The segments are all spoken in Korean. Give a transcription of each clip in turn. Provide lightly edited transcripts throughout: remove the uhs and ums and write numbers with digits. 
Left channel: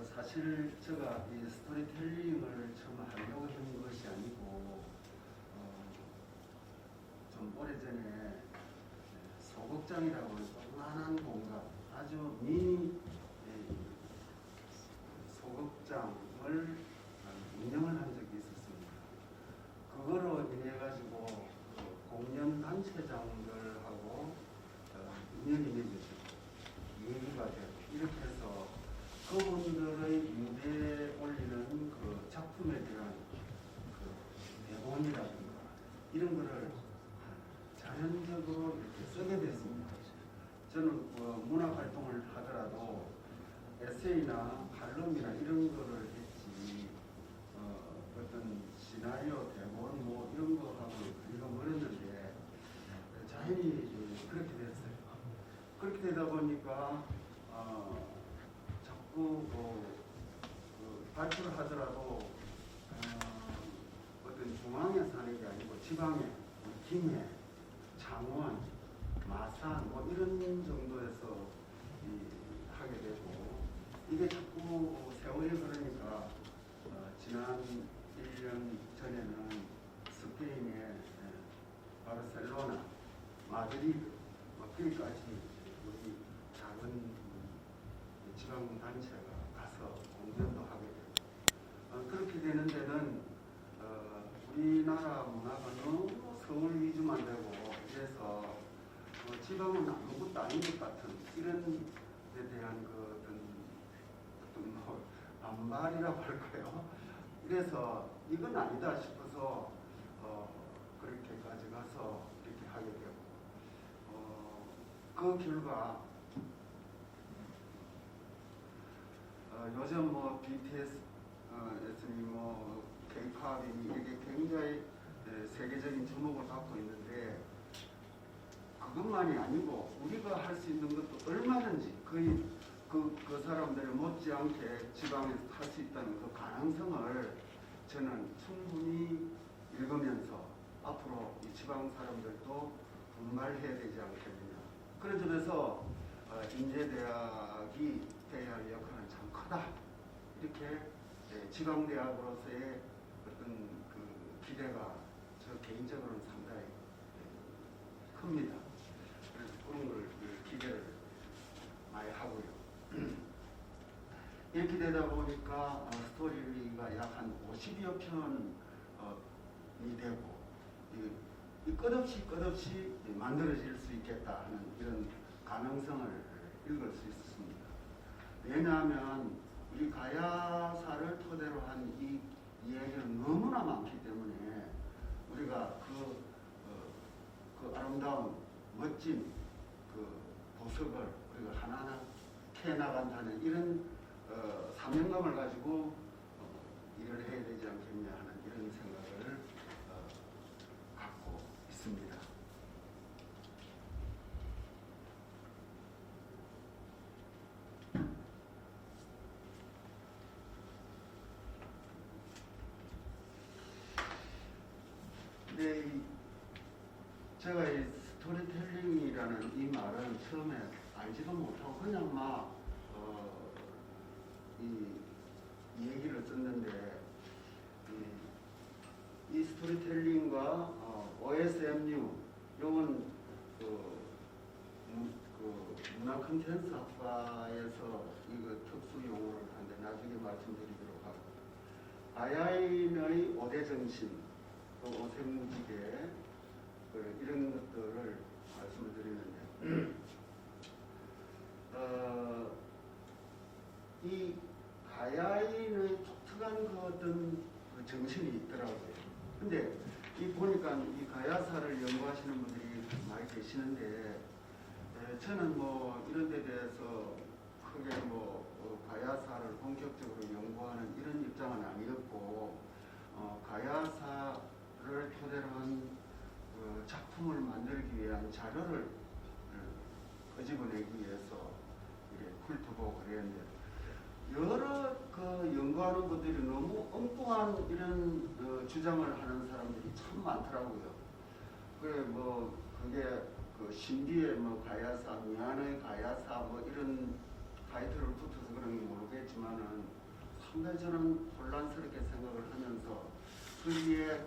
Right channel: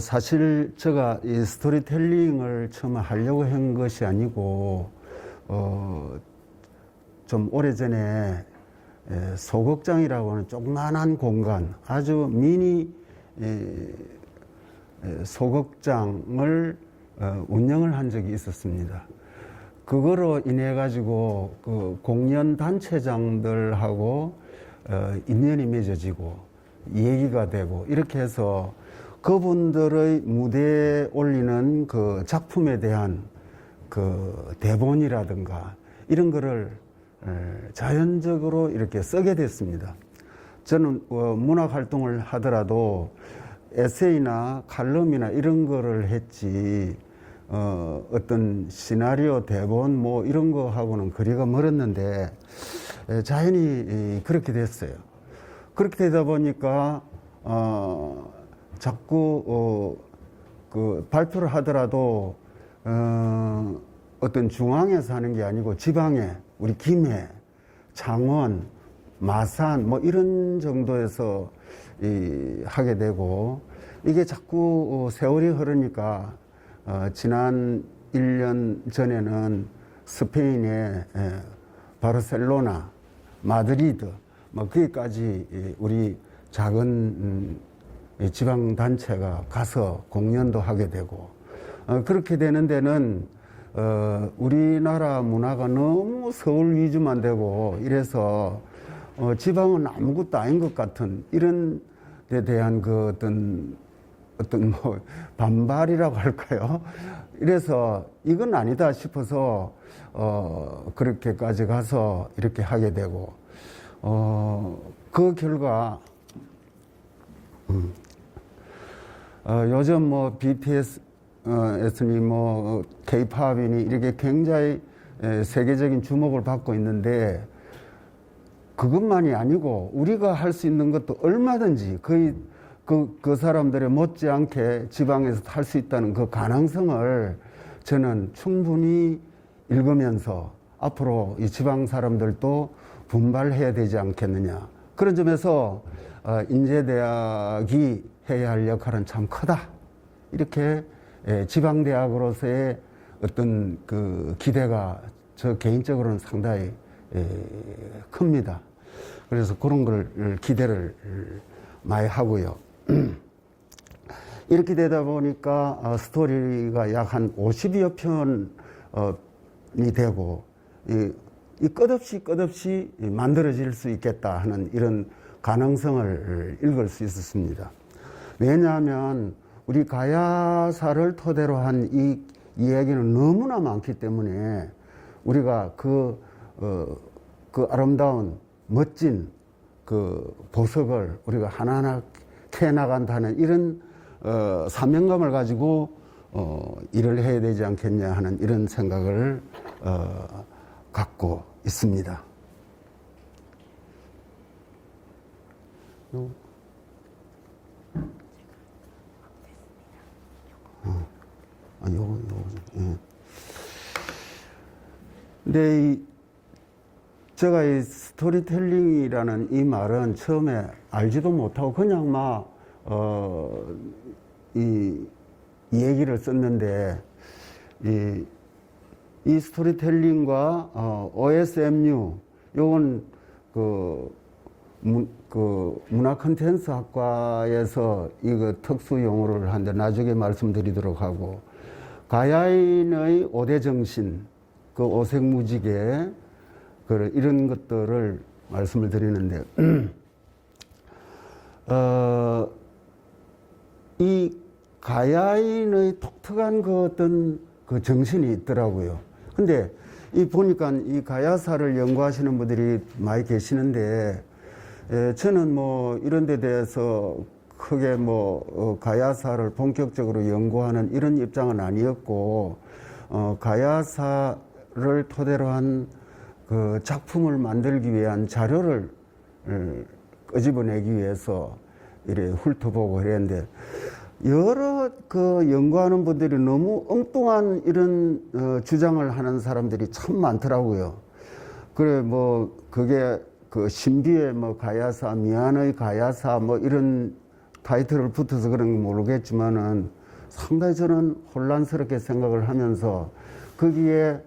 사실 제가 이 스토리텔링을 처음 하려고 한 것이 아니고, 좀 오래전에 소극장이라고 하는 조그만한 공간, 아주 미니 소극장을 운영을 한 적이 있었습니다. 그거로 인해 가지고 그 공연 단체장들하고 인연이 맺어지고 얘기가 되고 이렇게 해서 그분들의 무대에 올리는 그 작품에 대한 그 대본이라든가 이런 거를 자연적으로 이렇게 쓰게 됐습니다. 저는 문학 활동을 하더라도 에세이나 칼럼이나 이런 거를 했지 어떤 시나리오 대본 뭐 이런 거 하고는 거리가 멀었는데 자연히 그렇게 됐어요. 그렇게 되다 보니까 자꾸 그 발표를 하더라도 어떤 중앙에서 하는 게 아니고 지방에 우리 김해, 창원, 마산 뭐 이런 정도에서 하게 되고 이게 자꾸 세월이 흐르니까 지난 1년 전에는 스페인의 바르셀로나, 마드리드 뭐 거기까지 우리 작은 지방 단체가 가서 공연도 하게 되고 그렇게 되는 데는 우리나라 문화가 너무 서울 위주만 되고 이래서 지방은 아무것도 아닌 것 같은 이런 데 대한 그 어떤 뭐 반발이라고 할까요? 이래서 이건 아니다 싶어서 그렇게까지 가서 이렇게 하게 되고 그 결과 요즘 뭐 BTS 니 뭐 K-팝이니 이렇게 굉장히 세계적인 주목을 받고 있는데 그것만이 아니고 우리가 할 수 있는 것도 얼마든지 거의 그 사람들의 못지않게 지방에서 할 수 있다는 그 가능성을 저는 충분히 읽으면서 앞으로 이 지방 사람들도 분발해야 되지 않겠느냐. 그런 점에서 인제대학이 해야 할 역할은 참 크다. 이렇게 지방대학으로서의 어떤 그 기대가 저 개인적으로는 상당히 큽니다. 그래서 그런 걸 기대를 많이 하고요. 이렇게 되다 보니까 스토리가 약 한 50여 편이 되고 이 끝없이 만들어질 수 있겠다 하는 이런 가능성을 읽을 수 있었습니다. 왜냐하면 우리 가야사를 토대로 한 이 이야기는 너무나 많기 때문에 우리가 그 아름다운 멋진 그 보석을 우리가 하나하나 캐나간다는 이런 사명감을 가지고 일을 해야 되지 않겠냐 하는 이런 생각을 갖고 있습니다. 예. 근데 제가 이 스토리텔링이라는 이 말은 처음에 알지도 못하고 그냥 이 얘기를 썼는데 이 스토리텔링과 OSMU 요건 그 문화 콘텐츠 학과에서 이거 특수 용어를 하는데 나중에 말씀드리도록 하고 가야인의 5대 정신 그 오색무지개 이런 것들을 말씀을 드리는데 이 가야인의 독특한 그 어떤 그 정신이 있더라고요. 근데 보니까 이 가야사를 연구하시는 분들이 많이 계시는데 저는 뭐 이런 데 대해서 크게 뭐 가야사를 본격적으로 연구하는 이런 입장은 아니었고 가야사를 토대로 한 그 작품을 만들기 위한 자료를 끄집어내기 위해서 이래 훑어보고 그랬는데 여러 그 연구하는 분들이 너무 엉뚱한 이런 주장을 하는 사람들이 참 많더라고요. 그래 그게 그 신비의 가야사, 미안의 가야사 이런 타이틀을 붙어서 그런 건 모르겠지만은 상당히 저는 혼란스럽게 생각을 하면서 거기에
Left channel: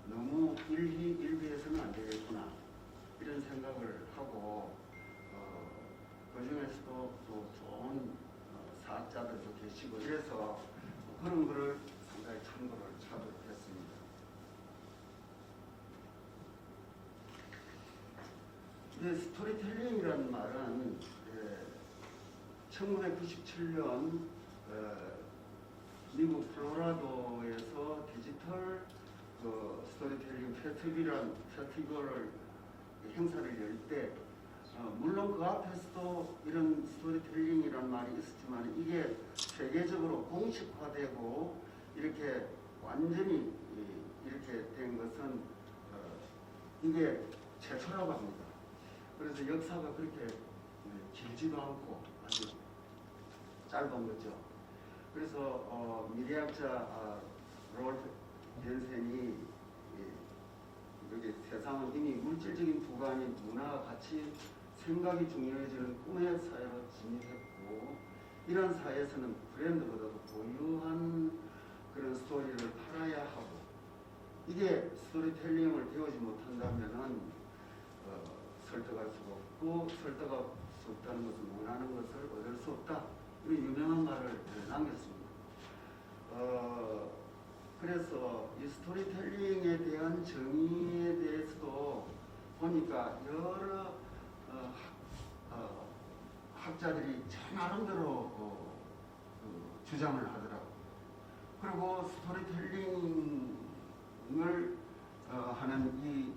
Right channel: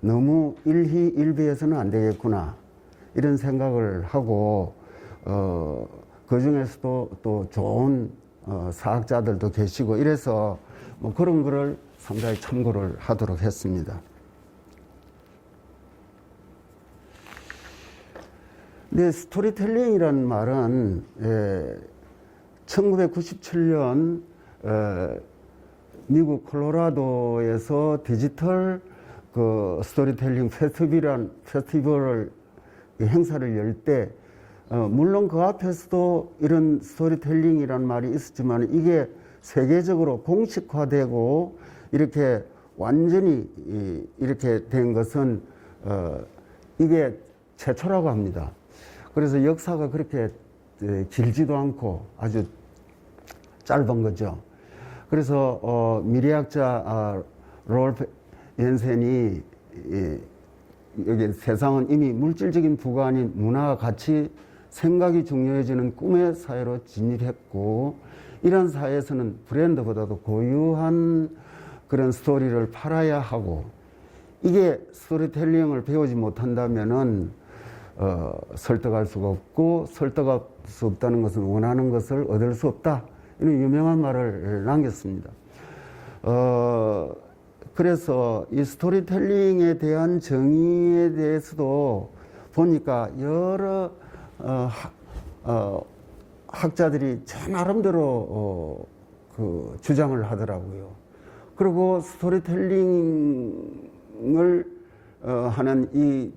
너무 일희일비해서는 안 되겠구나 이런 생각을 하고 그 중에서도 또 좋은 사학자들도 계시고 이래서 뭐 그런 거를 상당히 참고를 하도록 했습니다. 근데 스토리텔링이라는 말은 1997년 미국 콜로라도에서 디지털 그 스토리텔링 페스티벌을 행사를 열 때 물론 그 앞에서도 이런 스토리텔링이라는 말이 있었지만 이게 세계적으로 공식화되고 이렇게 완전히 이렇게 된 것은 이게 최초라고 합니다. 그래서 역사가 그렇게 길지도 않고 아주 짧은 거죠. 그래서 미래학자 롤프 옌센이 여기 세상은 이미 물질적인 부가 아닌 문화와 가치, 생각이 중요해지는 꿈의 사회로 진입했고 이런 사회에서는 브랜드보다도 고유한 그런 스토리를 팔아야 하고 이게 스토리텔링을 배우지 못한다면은 설득할 수가 없고 설득할 수 없다는 것은 원하는 것을 얻을 수 없다. 이런 유명한 말을 남겼습니다. 그래서 이 스토리텔링에 대한 정의에 대해서도 보니까 여러 학자들이 제 나름대로 그 주장을 하더라고요. 그리고 스토리텔링을 하는 이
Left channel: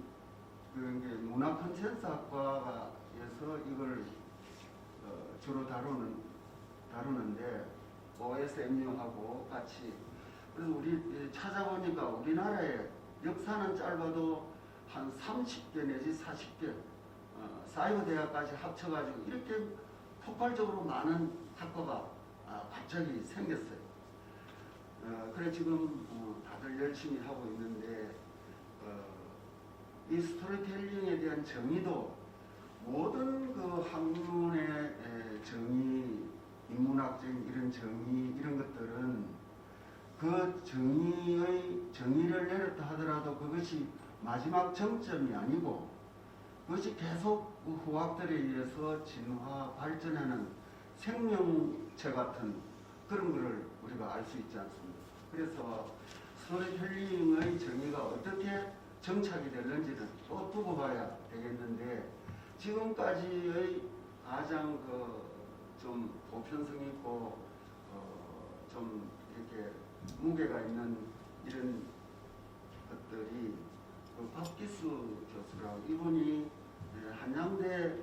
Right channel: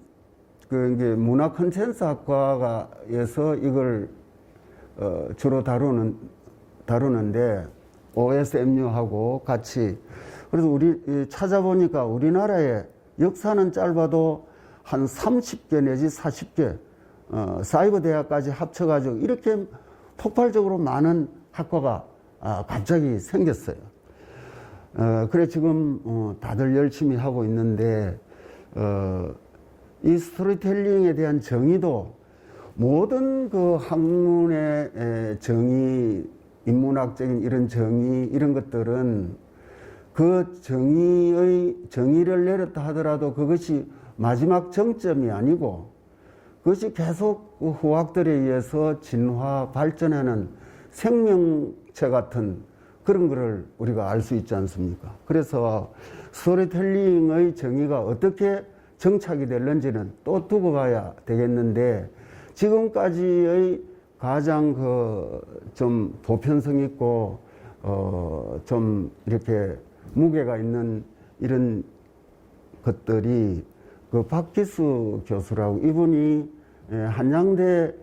그 문화 콘텐츠 학과에서 이걸 주로 다루는데 OSMU하고 같이 그래서 우리 찾아보니까 우리나라의 역사는 짧아도 한 30개 내지 40개 사이버 대학까지 합쳐가지고 이렇게 폭발적으로 많은 학과가 갑자기 생겼어요. 그래 지금 다들 열심히 하고 있는데 이 스토리텔링에 대한 정의도 모든 그 학문의 정의, 인문학적인 이런 정의 이런 것들은 그 정의를 내렸다 하더라도 그것이 마지막 정점이 아니고 그것이 계속 후학들에 의해서 진화 발전하는 생명체 같은 그런 거를 우리가 알 수 있지 않습니까? 그래서 스토리텔링의 정의가 어떻게 정착이 될는지는 또 두고 봐야 되겠는데 지금까지의 가장 좀 보편성 있고 좀 이렇게 무게가 있는 이런 것들이 그 박기수 교수라고 이분이 한양대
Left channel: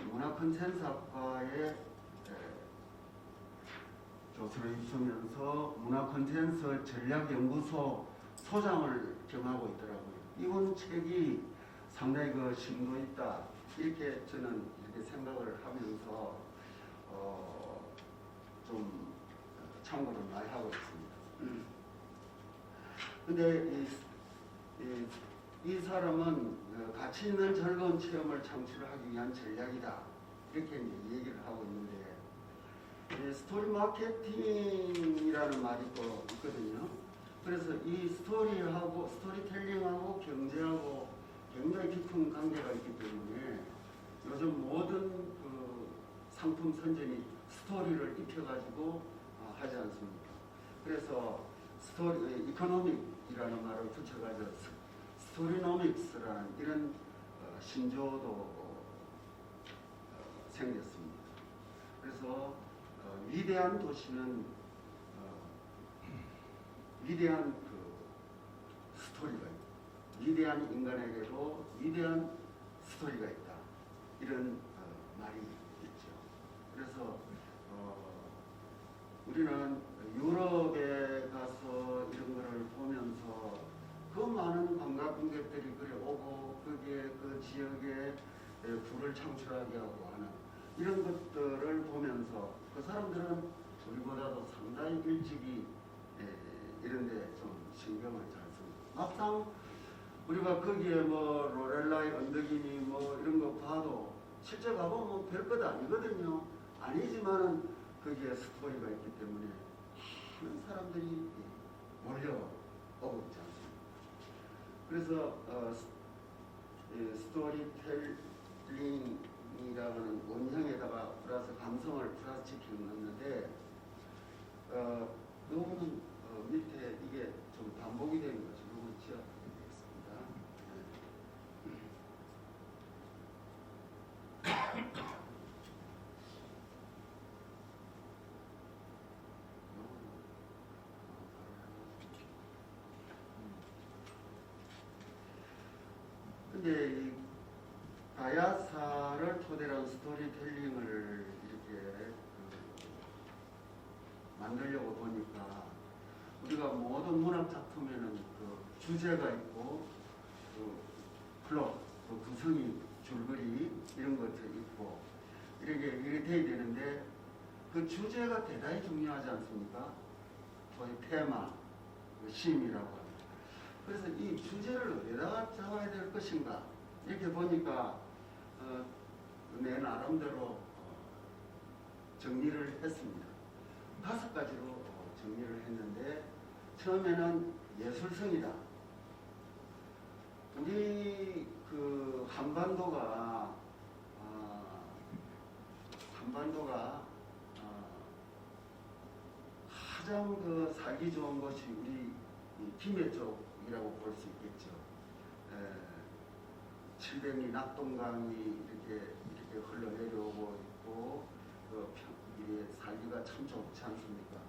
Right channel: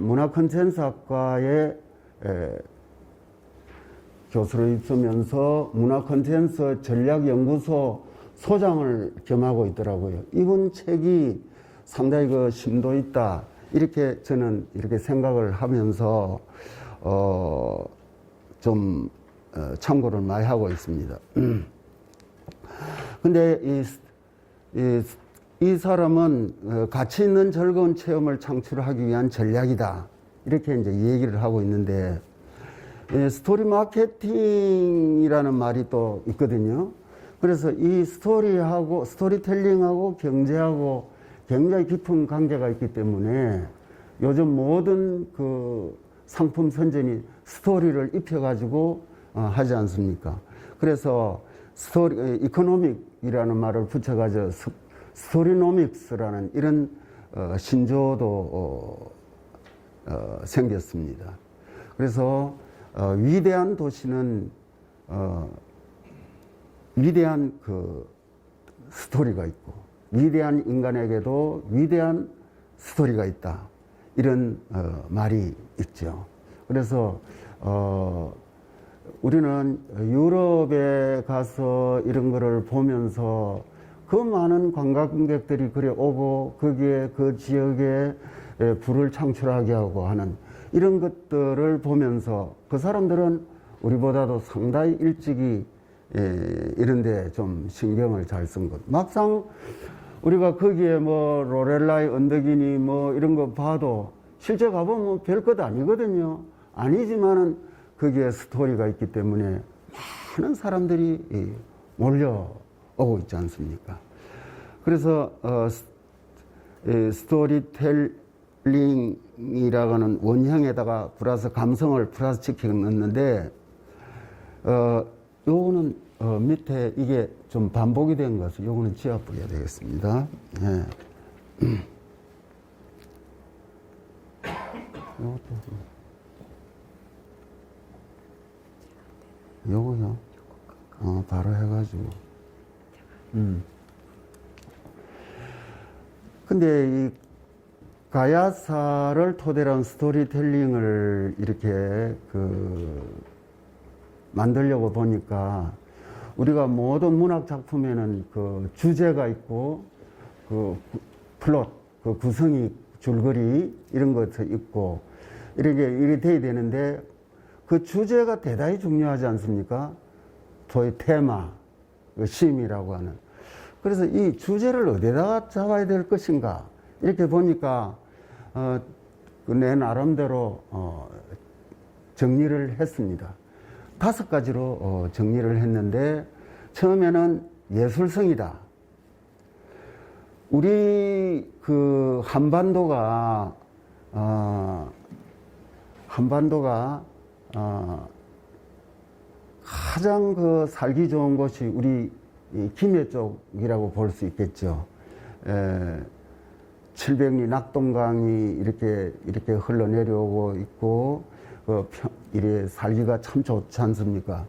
문화콘텐츠학과에 교수로 있으면서 문화콘텐츠 전략연구소 소장을 겸하고 있더라고요. 이분 책이 상당히 그 심도 있다. 이렇게 저는 이렇게 생각을 하면서 좀 참고를 많이 하고 있습니다. 근데 이 사람은 가치 있는 즐거운 체험을 창출하기 위한 전략이다. 이렇게 이제 얘기를 하고 있는데 스토리 마케팅이라는 말이 또 있거든요. 그래서 이 스토리텔링하고 경제하고 굉장히 깊은 관계가 있기 때문에 요즘 모든 그 상품 선전이 스토리를 입혀가지고 하지 않습니까? 그래서 이코노믹이라는 말을 붙여가지고 스토리노믹스라는 이런 신조어도 생겼습니다. 그래서 위대한 도시는 위대한 그 스토리가 있고 위대한 인간에게도 위대한 스토리가 있다. 이런 말이 있죠. 그래서 우리는 유럽에 가서 이런 거를 보면서 그 많은 관광객들이 그래 오고 거기에 그 지역에 부를 창출하게 하고 하는 이런 것들을 보면서 그 사람들은 우리보다도 상당히 일찍이 이런데 좀 신경을 잘 쓴 것. 막상 우리가 거기에 뭐 로렐라의 언덕이니 뭐 이런 거 봐도 실제 가보면 별 것 아니거든요. 아니지만은 거기에 스토리가 있기 때문에 많은 사람들이 몰려오고 있지 않습니까? 그래서 스토리텔링이라고 하는 원형에다가 플러스 감성을 플러스 시켜 넣는데 요거는 밑에 이게 좀 반복이 된 것을 요거는 지워버려야 되겠습니다. 예. 요거요. 바로 해가지고. 근데 이 가야사를 토대로 한 스토리텔링을 이렇게 만들려고 보니까 우리가 모든 문학 작품에는 그 주제가 있고 그 플롯, 그 구성이 줄거리 이런 것도 있고 이렇게 돼야 되는데 그 주제가 대단히 중요하지 않습니까? 소위 테마, 그 심이라고 하는. 그래서 이 주제를 어디다가 잡아야 될 것인가 이렇게 보니까 내 나름대로 정리를 했습니다. 5가지로 정리를 했는데 처음에는 예술성이다. 우리 그 한반도가 가장 그 살기 좋은 곳이 우리 김해 쪽이라고 볼 수 있겠죠. 700리 낙동강이 이렇게 흘러내려오고 있고, 이래 살기가 참 좋지 않습니까?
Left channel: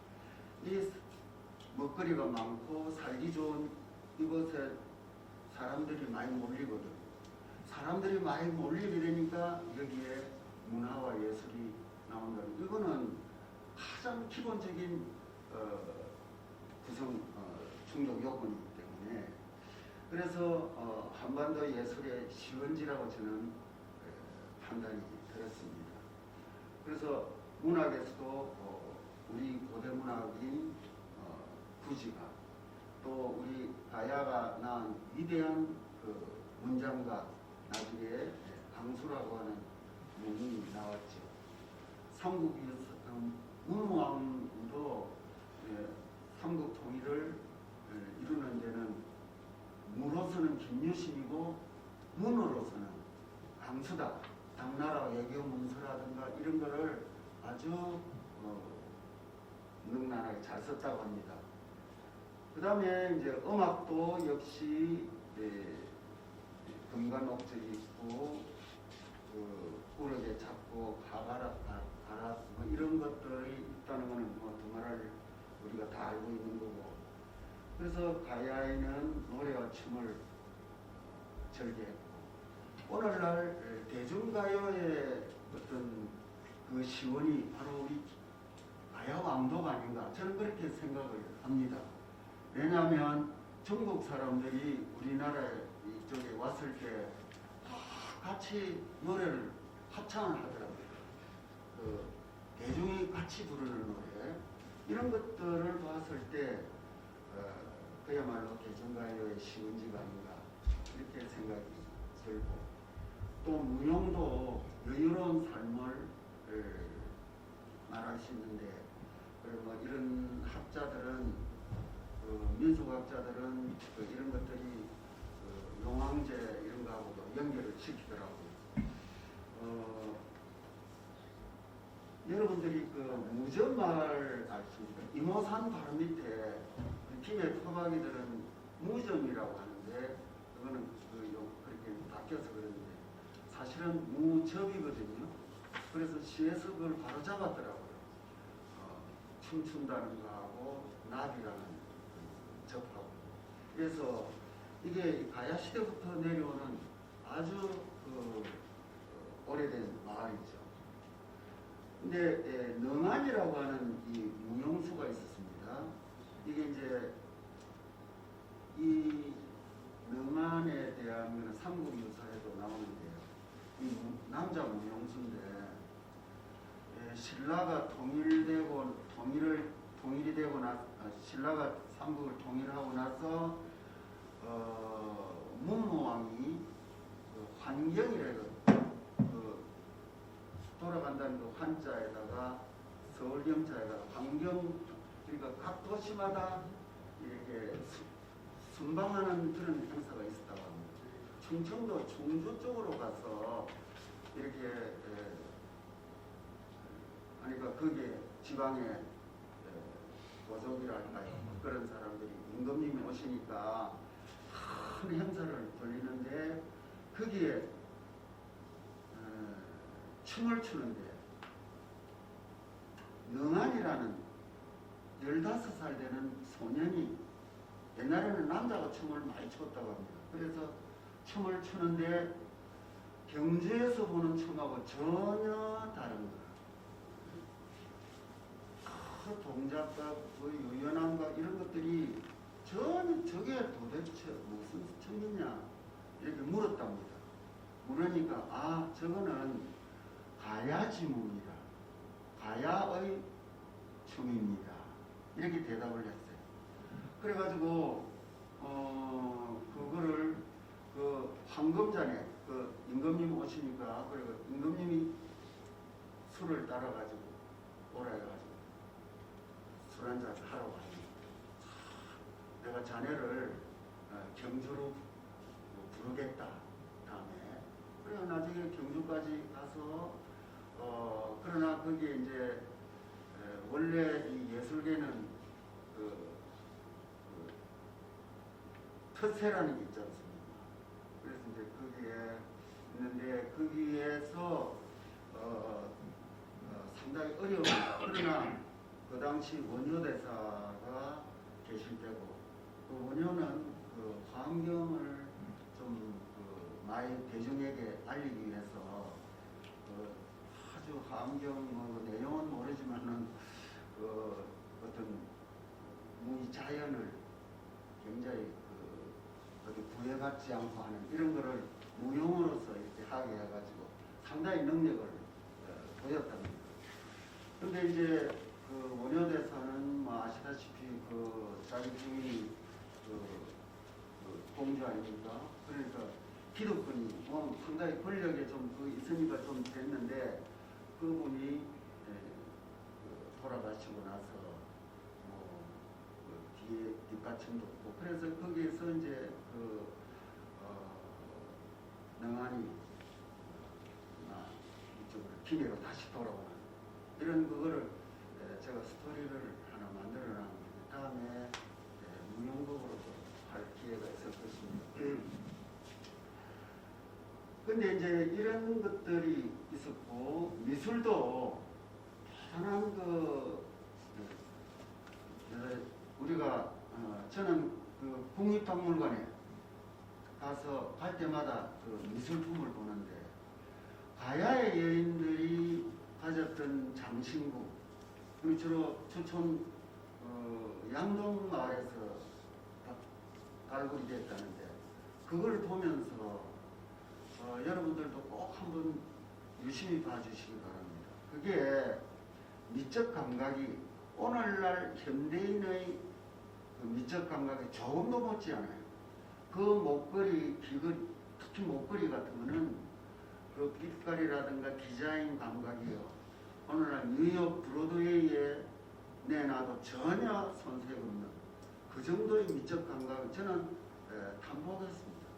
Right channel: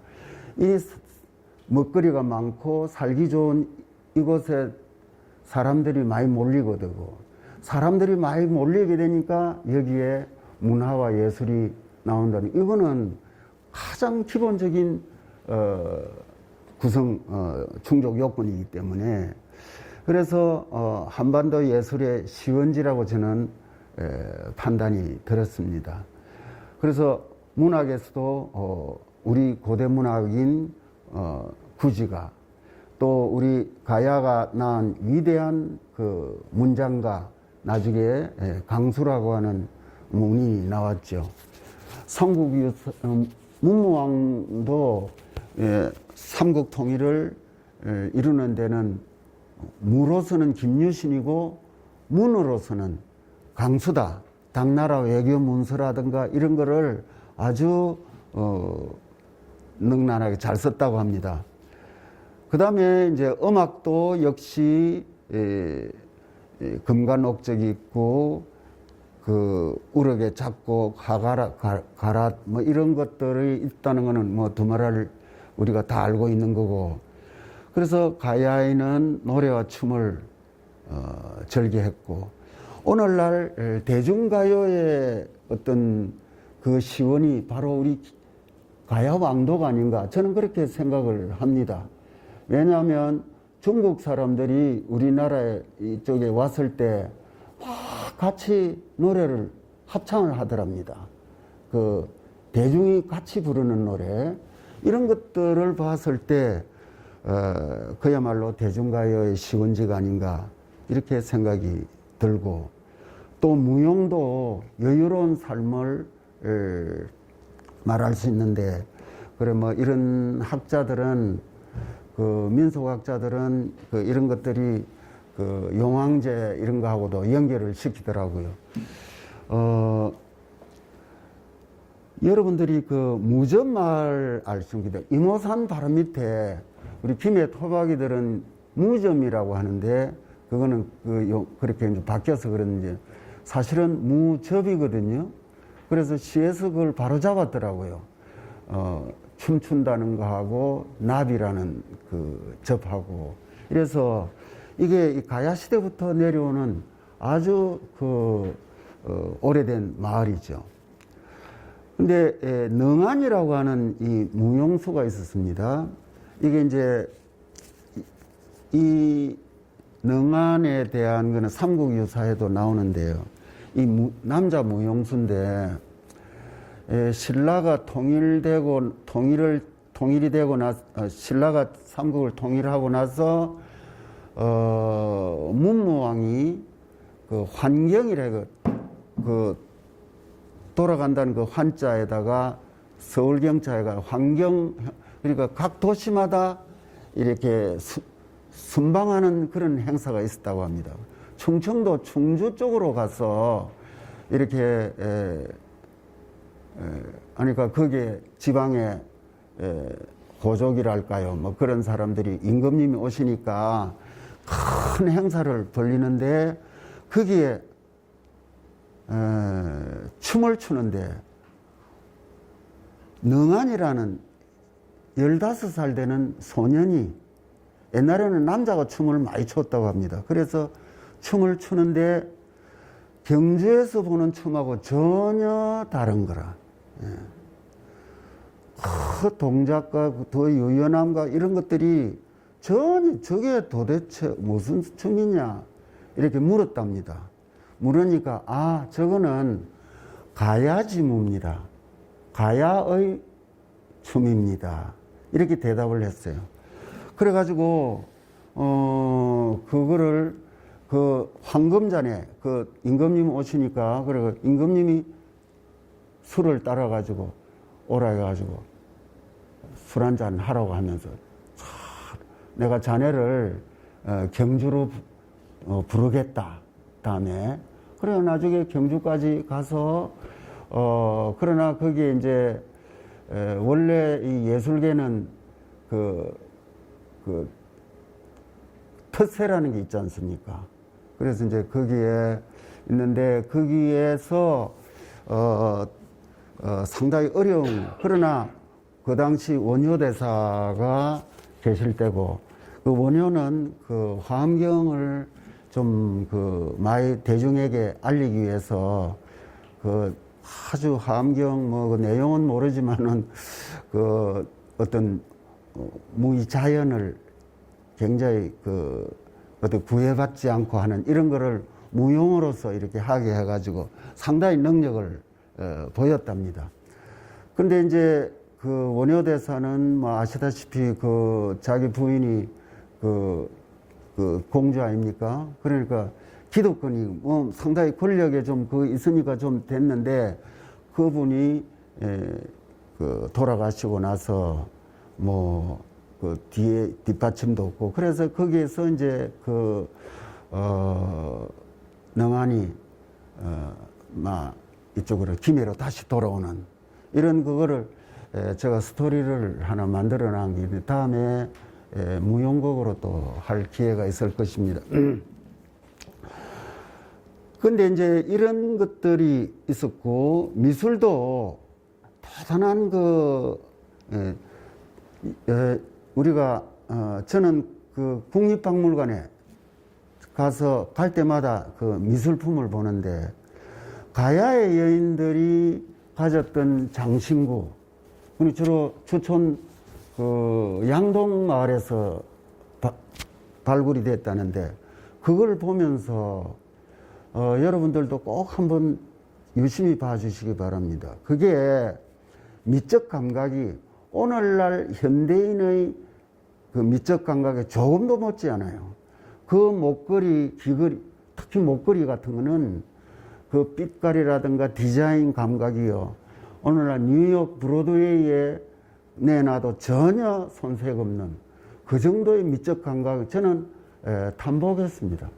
이 먹거리가 많고 살기 좋은 이곳에 사람들이 많이 몰리게 되고, 사람들이 많이 몰리게 되니까 여기에 문화와 예술이 나온다는, 이거는 가장 기본적인 구성 충족 요건이기 때문에, 그래서 한반도 예술의 시원지라고 저는 판단이 들었습니다. 그래서 문학에서도 우리 고대 문학인 구지가, 또 우리 가야가 낳은 위대한 그 문장가, 나중에 강수라고 하는 문인이 나왔죠. 문무왕도 삼국 통일을 이루는 데는 무로서는 김유신이고 문으로서는 강수다. 당나라 외교 문서라든가 이런 거를 아주 능란하게 잘 썼다고 합니다. 그 다음에 이제 음악도 역시 금관옥적이 있고 그 우럭의 작곡, 가랏 뭐 이런 것들이 있다는 거는 뭐 두말할 우리가 다 알고 있는 거고, 그래서 가야에는 노래와 춤을 절개했고, 오늘날 대중가요의 어떤 그 시원이 바로 우리 가야왕도가 아닌가, 저는 그렇게 생각을 합니다. 왜냐하면 중국 사람들이 우리나라 이쪽에 왔을 때 같이 노래를 합창을 하더랍니다. 그 대중이 같이 부르는 노래, 이런 것들을 봤을 때 그야말로 대중가요의 시원지가 아닌가 이렇게 생각이 들고, 또 무용도 여유로운 삶을 말할 수 있는데, 그래 뭐 이런 학자들은, 그 민속학자들은 그 이런 것들이 그 용왕제 이런 거하고도 연결을 시키더라고요. 여러분들이 그 무점마을 알 수 있는데, 이모산 바로 밑에 우리 김해 토박이들은 무점이라고 하는데, 그거는 그렇게 이제 바뀌어서 그런지 사실은 무접이거든요. 그래서 시에서 그걸 바로 잡았더라고요. 춤춘다는 거하고 나비라는 그 접하고, 이래서 이게 가야 시대부터 내려오는 아주 오래된 마을이죠. 근데 능안이라고 하는 이 무용수가 있었습니다. 이게 이제 이 능안에 대한 거는 삼국유사에도 나오는데요. 이 남자 무용수인데, 신라가 통일이 되고 신라가 삼국을 통일하고 나서 문무왕이 그 환경이래, 그 돌아간다는 그 환자에다가 서울경찰가 환경, 그러니까 각 도시마다 이렇게 순방하는 그런 행사가 있었다고 합니다. 충청도 충주 쪽으로 가서 이렇게 그러니까 거기에 지방에 고족이랄까요, 뭐 그런 사람들이 임금님이 오시니까 큰 행사를 벌리는데 거기에 춤을 추는데 능한이라는 15살 되는 소년이, 옛날에는 남자가 춤을 많이 췄다고 합니다. 그래서 춤을 추는데 경주에서 보는 춤하고 전혀 다른 거라. 그 동작과 더 유연함과 이런 것들이 전혀 저게 도대체 무슨 춤이냐 이렇게 물었답니다. 물으니까 아, 저거는 가야지무입니다. 가야의 춤입니다. 이렇게 대답을 했어요. 그래가지고 그거를 그 황금잔에 그 임금님 오시니까 그리고 임금님이 술을 따라가지고 오라 해가지고 술 한잔 하라고 하면서 내가 자네를 경주로 부르겠다. 다음에 그래 나중에 경주까지 가서 그러나 거기에 이제 원래 이 예술계는 그 텃세라는 게 있지 않습니까? 그래서 이제 거기에 있는데 거기에서 상당히 어려운, 그러나 그 당시 원효대사가 계실 때고 그 원효는 그 화엄경을 좀 그 많이 대중에게 알리기 위해서 그 아주 화엄경 뭐 그 내용은 모르지만은 그 어떤 무의자연을 굉장히 그 어떤 구애받지 않고 하는 이런 거를 무용으로서 이렇게 하게 해가지고 상당히 능력을 보였답니다. 그런데 이제 그 원효대사는 뭐 아시다시피 그 자기 부인이 그 공주 아닙니까? 그러니까 기득권이 뭐 상당히 권력에 좀 그 있으니까 좀 됐는데 그분이 그 돌아가시고 나서 뭐 그 뒤에 뒷받침도 없고 그래서 거기에서 이제 그 능한이 막 이쪽으로 김해로 다시 돌아오는 이런 그거를 제가 스토리를 하나 만들어 놓은 게 있는데 다음에 무용곡으로 또 할 기회가 있을 것입니다. 근데 이제 이런 것들이 있었고 미술도 대단한 우리가 저는 그 국립박물관에 가서 갈 때마다 그 미술품을 보는데 가야의 여인들이 가졌던 장신구, 그리고 주로 주촌 그 양동 마을에서 발굴이 됐다는데 그걸 보면서 여러분들도 꼭 한번 유심히 봐주시기 바랍니다. 그게 미적 감각이 오늘날 현대인의 그 미적 감각에 조금도 못지 않아요. 그 목걸이, 귀걸이, 특히 목걸이 같은 거는 그 빛깔이라든가 디자인 감각이요. 오늘날 뉴욕 브로드웨이에 내놔도 전혀 손색 없는 그 정도의 미적 감각을 저는 탐복했습니다.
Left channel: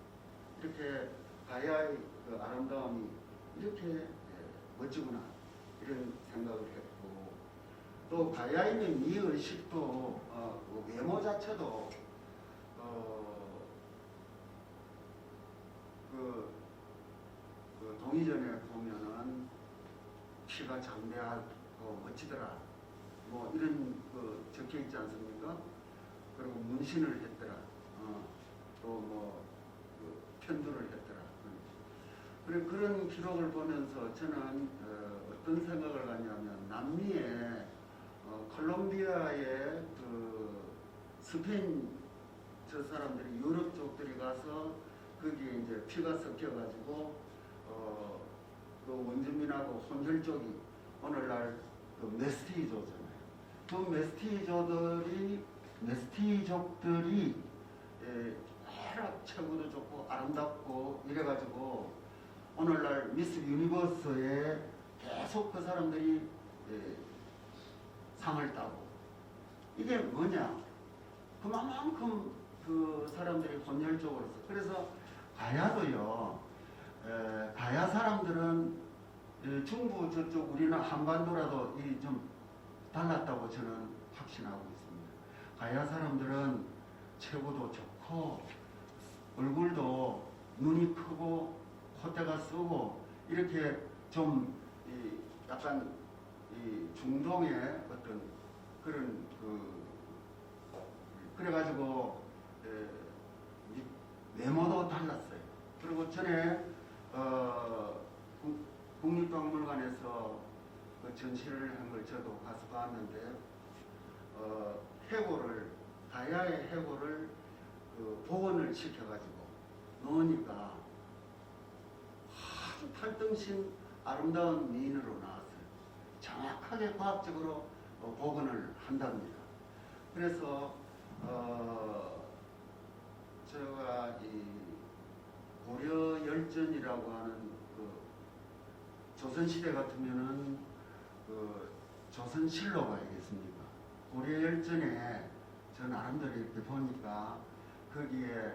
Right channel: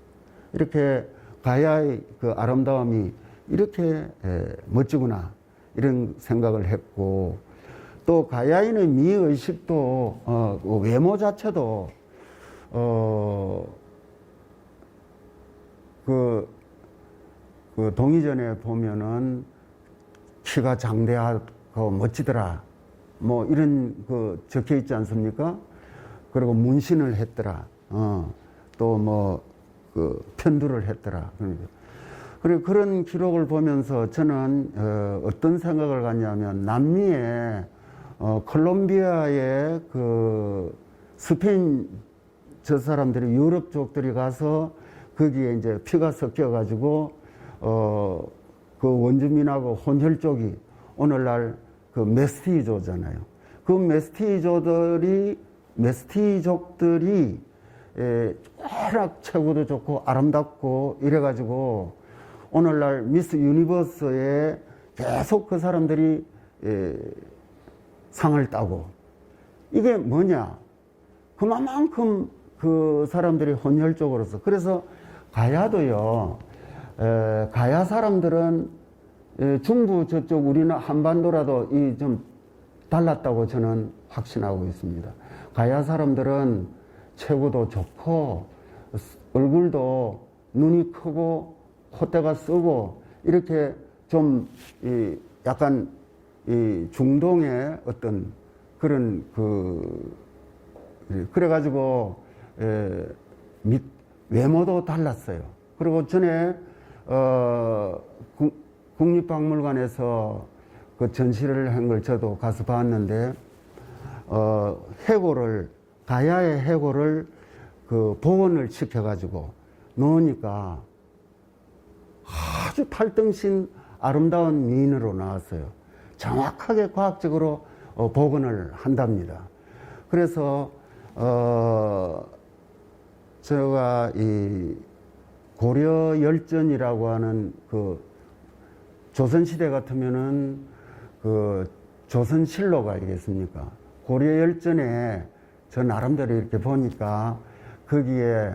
이렇게 가야의 그 아름다움이 이렇게 멋지구나 이런 생각을 했고 또 가야인의 미의식도 외모 자체도 그 동의전에 보면은 키가 장대하고 멋지더라 뭐 이런 그 적혀 있지 않습니까? 그리고 문신을 했더라. 또 뭐 그 편두를 했더라. 그리고 그런 기록을 보면서 저는 어떤 생각을 갖냐면 남미에 콜롬비아의 그 스페인 저 사람들이 유럽 쪽들이 가서 거기에 이제 피가 섞여 가지고 그 원주민하고 혼혈 쪽이 오늘날 그 메스티조잖아요. 그 메스티족들이 쾌락 체구도 좋고 아름답고 이래가지고 오늘날 미스 유니버스에 계속 그 사람들이 상을 따고, 이게 뭐냐? 그만큼 그 사람들이 혼혈적으로서, 그래서 가야도요, 가야 사람들은 중부 저쪽 우리는 한반도라도 이 좀 달랐다고 저는 확신하고 있습니다. 가야 사람들은 체구도 좋고 얼굴도 눈이 크고 콧대가 쓰고 이렇게 좀 약간 이 중동의 어떤 그런 그래가지고 외모도 달랐어요. 그리고 전에 국립박물관에서 그 전시를 한 걸 저도 가서 봤는데 해골을 가야의 해골을 그 복원을 시켜가지고 놓으니까 아주 팔등신 아름다운 미인으로 나왔어요. 정확하게 과학적으로 복원을 한답니다. 그래서 제가 이 고려 열전이라고 하는 그 조선시대 같으면은 그 조선실록 아니겠습니까? 고려 열전에 저 나름대로 이렇게 보니까 거기에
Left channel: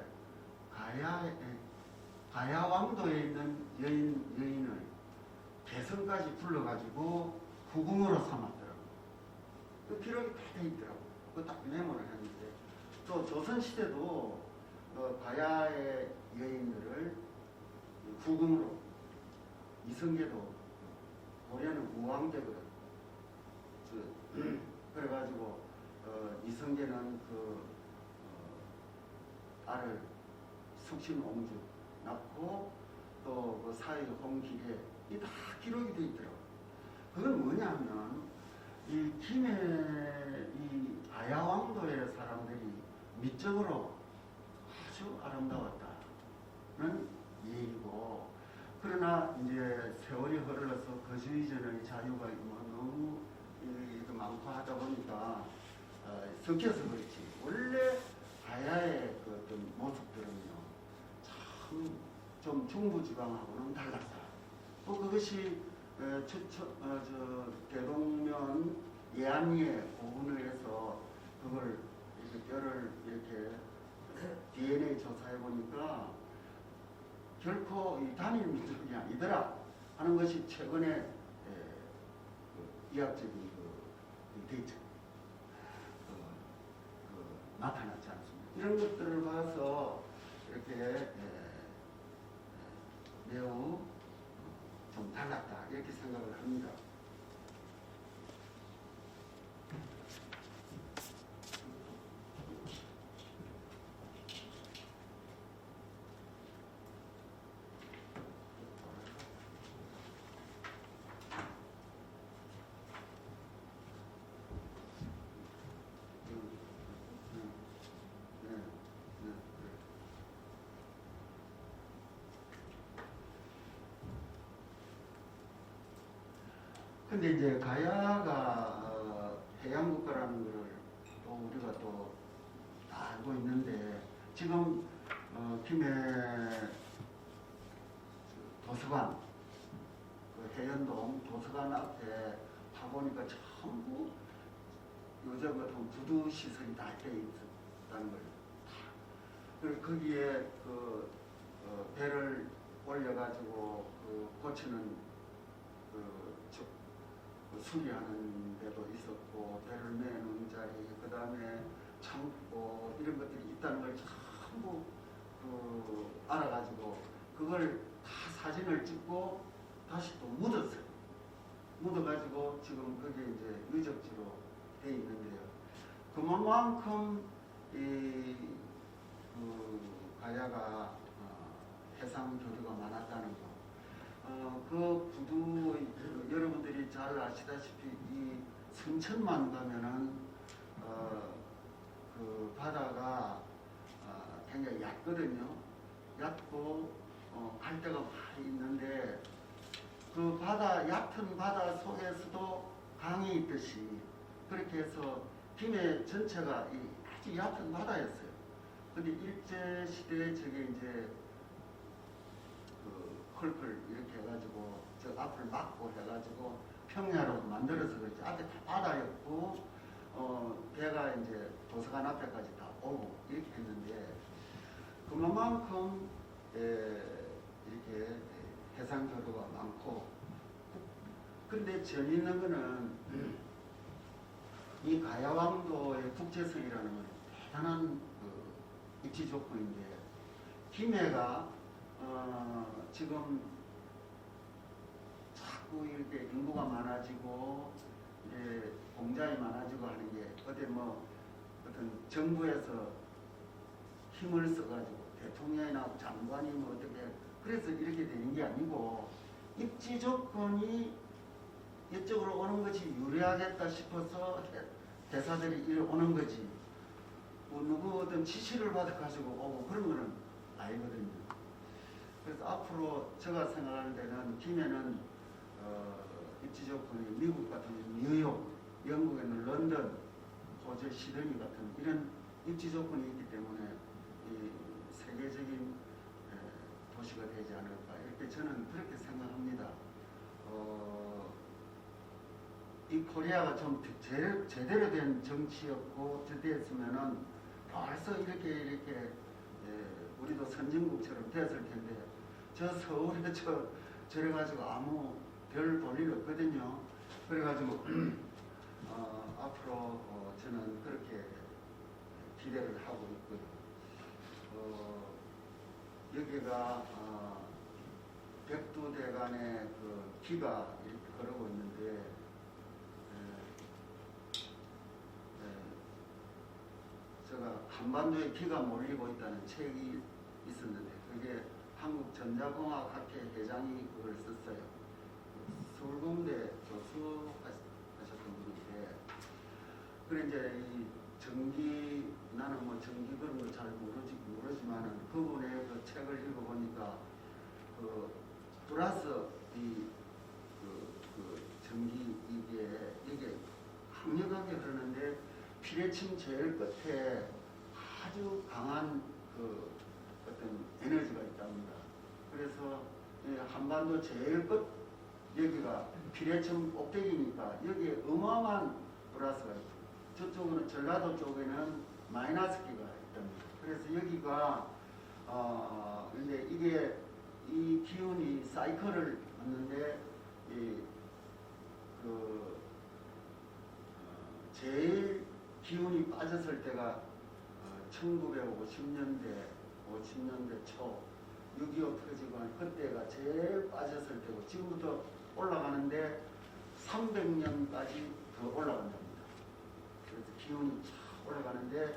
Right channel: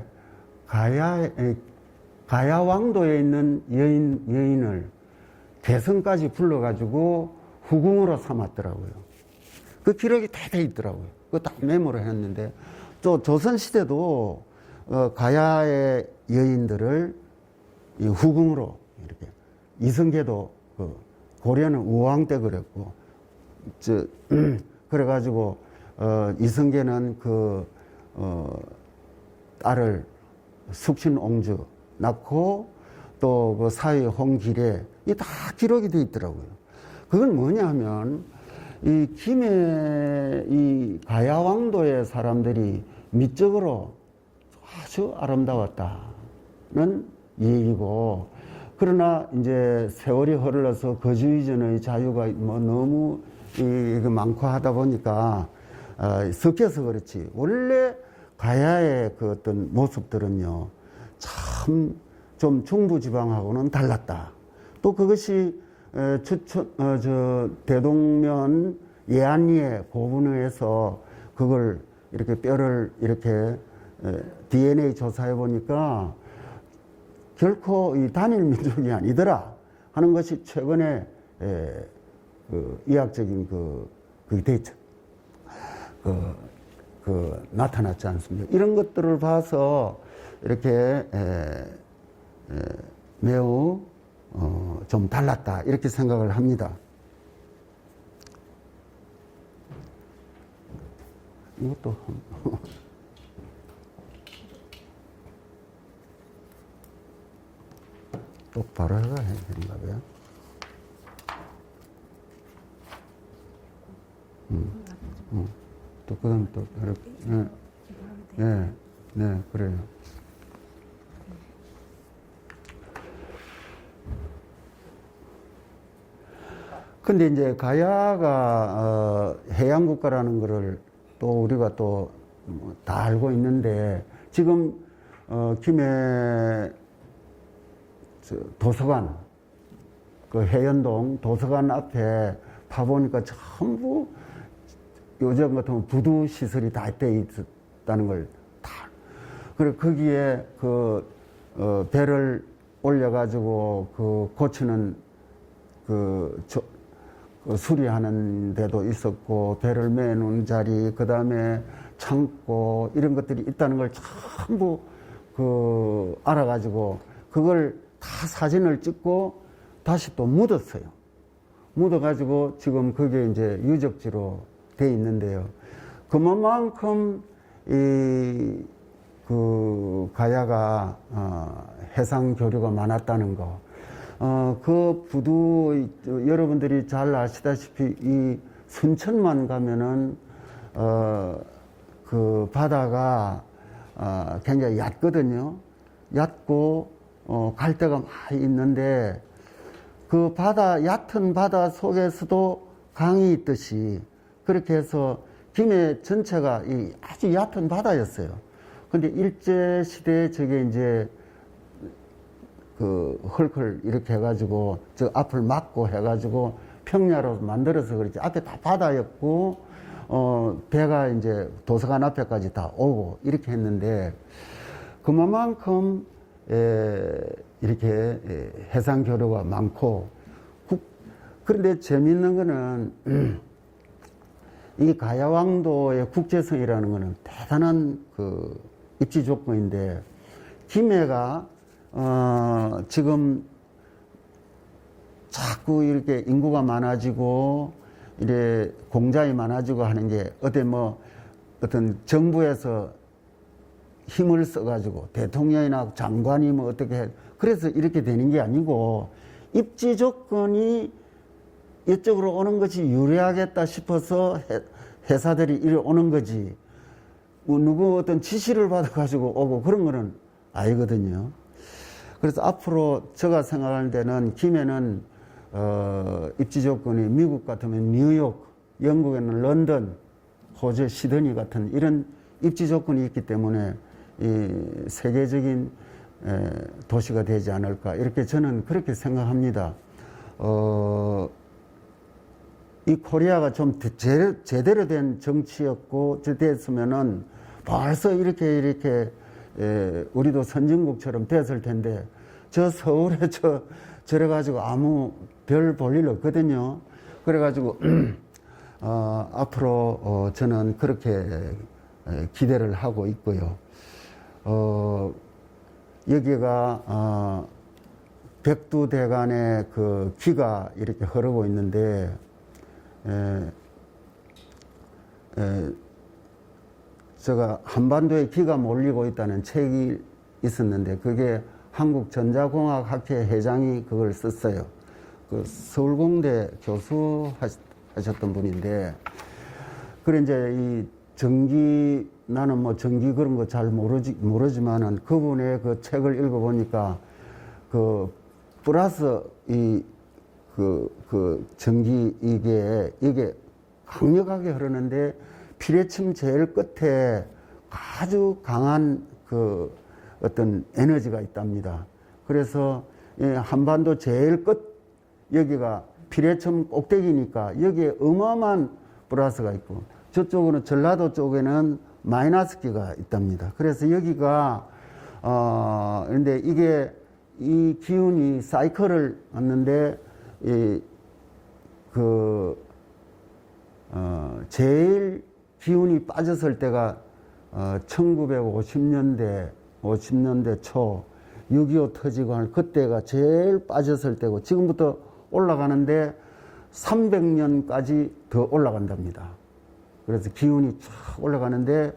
가야왕도에 있는 여인을 대성까지 불러가지고 후궁으로 삼았더라고요. 그 기록이 다 돼 있더라고요. 그거 다 메모를 했는데, 또 조선시대도 가야의 여인들을 이 후궁으로 이렇게, 이성계도 그 고려는 우왕 때 그랬고, 그래가지고 이성계는 그 딸을 숙신옹주 낳고 또 그 사위 홍길에 이 다 기록이 돼 있더라고요. 그건 뭐냐 하면 이 김해 이 가야왕도의 사람들이 미적으로 아주 아름다웠다는 얘기고, 그러나 이제 세월이 흘러서 거주 이전의 자유가 뭐 너무 많고 하다 보니까 섞여서 그렇지, 원래 가야의 그 어떤 모습들은요 참 좀 중부지방하고는 달랐다. 또 그것이 대동면 예안리에 고분에서 그걸 이렇게 뼈를 이렇게 DNA 조사해 보니까 결코 이 단일 민족이 아니더라 하는 것이 최근에 그 의학적인 그 데이터 나타났지 않습니까? 이런 것들을 봐서 이렇게 매우 좀 달랐다 이렇게 생각을 합니다. 이것도 똑바로 해야 되는가 봐요. 또 그다음 또 이렇게 네 그래요. 근데 이제 가야가 해양 국가라는 거를 또 우리가 또 다 알고 있는데, 지금 김해 도서관, 그 해연동 도서관 앞에 파보니까 전부 요즘 같으면 부두 시설이 다 돼 있다는 걸 다. 그리고 거기에 그 배를 올려가지고 그 고치는 수리하는 데도 있었고, 배를 매는 자리, 그 다음에 창고, 이런 것들이 있다는 걸 전부 알아가지고 그걸 다 사진을 찍고 다시 또 묻었어요. 묻어가지고 지금 그게 이제 유적지로 돼 있는데요. 그만큼 그 가야가 해상 교류가 많았다는 거. 그 부두 여러분들이 잘 아시다시피 이 순천만 가면은 그 바다가 굉장히 얕거든요. 얕고 갈대가 많이 있는데, 그 얕은 바다 속에서도 강이 있듯이 그렇게 해서 김해 전체가 아주 얕은 바다였어요. 근데 일제 시대에 저게 이제 그 헐클 이렇게 해가지고 저 앞을 막고 해가지고 평야로 만들어서 그렇지 앞에 다 바다였고 배가 이제 도서관 앞에까지 다 오고 이렇게 했는데 그만큼 이렇게 해상 교류가 많고 그런데 재미있는 거는 이 가야왕도의 국제성이라는 거는 대단한 그 입지 조건인데 김해가 지금 자꾸 이렇게 인구가 많아지고 이래 공장이 많아지고 하는 게 어떤 정부에서 힘을 써가지고 대통령이나 장관이 뭐 어떻게 해 그래서 이렇게 되는 게 아니고 입지 조건이 이쪽으로 오는 것이 유리하겠다 싶어서 회사들이 이리 오는 거지 뭐 누구 어떤 지시를 받아가지고 오고 그런 거는 아니거든요. 그래서 앞으로 제가 생각하는 데는 김해는 입지 조건이 미국 같으면 뉴욕, 영국에는 런던, 호주, 시드니 같은 이런 입지 조건이 있기 때문에 이 세계적인 도시가 되지 않을까 이렇게 저는 그렇게 생각합니다. 이 코리아가 좀 제대로 된 정치였고 됐으면은 벌써 이렇게 우리도 선진국처럼 됐을 텐데 저 서울에 저래 가지고 아무 별 볼 일 없거든요. 그래 가지고 앞으로 저는 그렇게 기대를 하고 있고요. 여기가 백두대간의 그 기가 이렇게 흐르고 있는데 제가 한반도에 기가 몰리고 있다는 책이 있었는데 그게 한국전자공학학회 회장이 그걸 썼어요. 그 서울공대 교수 하셨던 분인데 그래 이제 이 전기 나는 뭐 전기 그런 거 잘 모르지만은 그분의 그 책을 읽어보니까 그 플러스 그 전기 이게 강력하게 흐르는데 피뢰층 제일 끝에 아주 강한 그 어떤 에너지가 있답니다. 그래서 한반도 제일 끝 여기가 피뢰층 꼭대기니까 여기에 어마어마한 플러스가 있고 저쪽으로 전라도 쪽에는 마이너스기가 있답니다. 그래서 여기가 그런데 이게 이 기운이 사이클을 왔는데 제일 기운이 빠졌을 때가 1950년대 초 6.25 터지고 한 그때가 제일 빠졌을 때고 지금부터 올라가는데 300년까지 더 올라간답니다. 그래서 기운이 쫙 올라가는데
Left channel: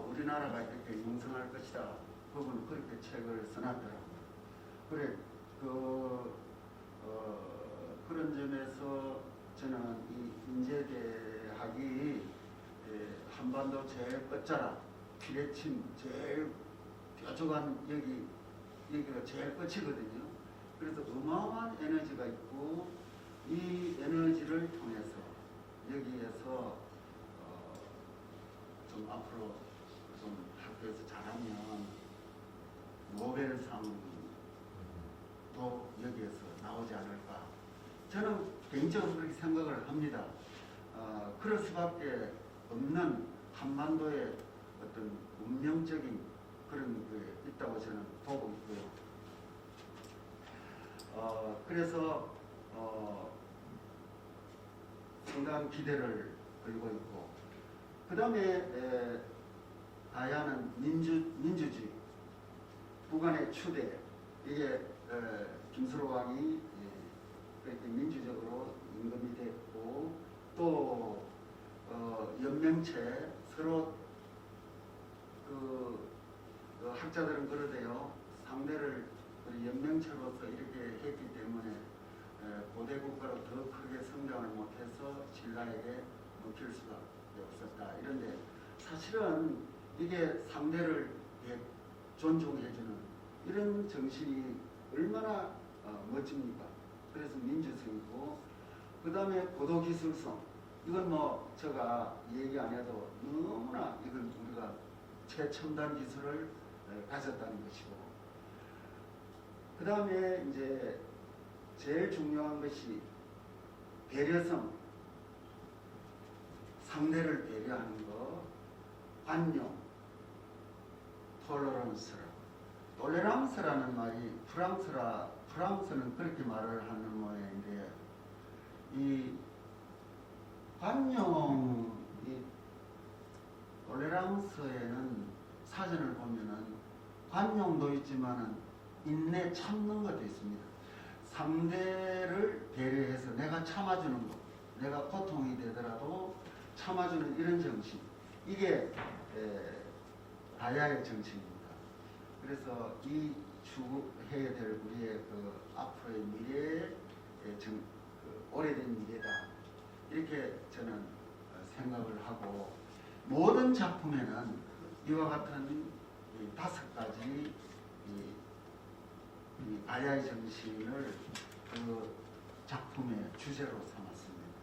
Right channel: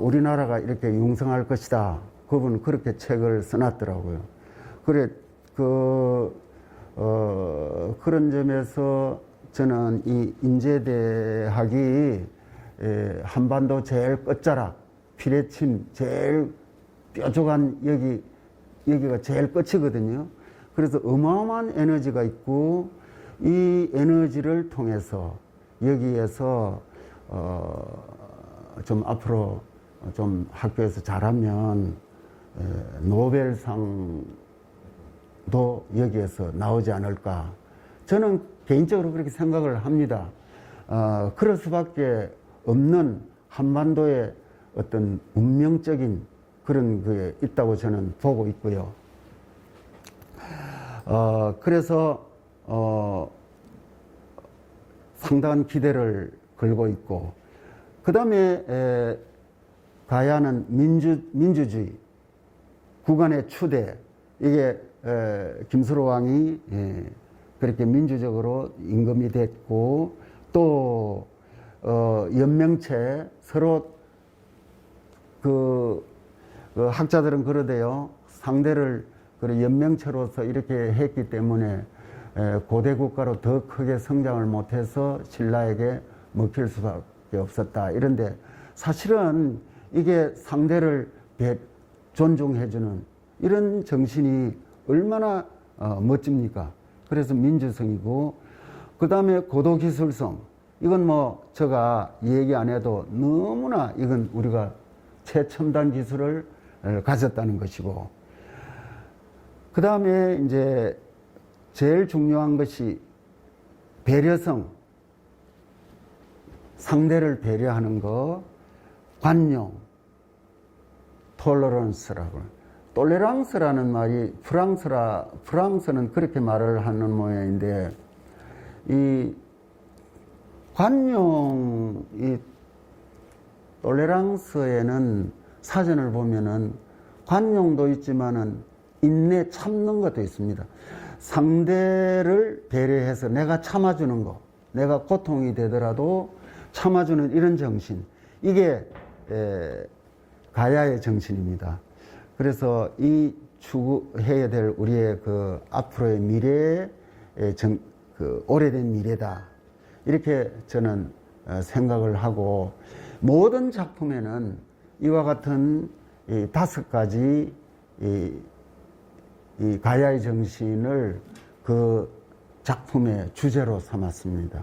우리나라가 이렇게 융성할 것이다. 그분은 그렇게 책을 써놨더라고요. 그래 그런 점에서 저는 이 인제대학이 한반도 제일 끝자락 피뢰침 제일 뾰족한 여기가 제일 끝이거든요. 그래서 어마어마한 에너지가 있고 이 에너지를 통해서 여기에서 좀 앞으로 좀 학교에서 잘하면 노벨상도 여기에서 나오지 않을까. 저는 개인적으로 그렇게 생각을 합니다. 그럴 수밖에 없는 한반도의 어떤 운명적인 그런 게 있다고 저는 보고 있고요. 그래서 상당한 기대를 걸고 있고 그 다음에 가야는 민주주의 국간의 추대 이게 김수로 왕이 그렇게 민주적으로 임금이 됐고 또 연명체 서로 그 학자들은 그러대요. 상대를 연명체로서 이렇게 했기 때문에 고대 국가로 더 크게 성장을 못해서 신라에게 먹힐 수밖에 없었다. 이런데 사실은 이게 상대를 존중해주는 이런 정신이 얼마나 멋집니까? 그래서 민주성이고 그 다음에 고도기술성 이건 뭐 제가 얘기 안 해도 너무나 이건 우리가 최첨단 기술을 가졌다는 것이고 그 다음에 이제 제일 중요한 것이 배려성, 상대를 배려하는 거, 관용, 톨러런스라고. 톨레랑스라는 말이 프랑스는 그렇게 말을 하는 모양인데, 이 관용, 이 톨레랑스에는 사전을 보면은 관용도 있지만은 인내 참는 것도 있습니다. 상대를 배려해서 내가 참아주는 거, 내가 고통이 되더라도 참아주는 이런 정신, 이게 가야의 정신입니다. 그래서 이 추구해야 될 우리의 그 앞으로의 미래의 그 오래된 미래다, 이렇게 저는 생각을 하고, 모든 작품에는 이와 같은 이 5가지 이 가야의 정신을 그 작품의 주제로 삼았습니다.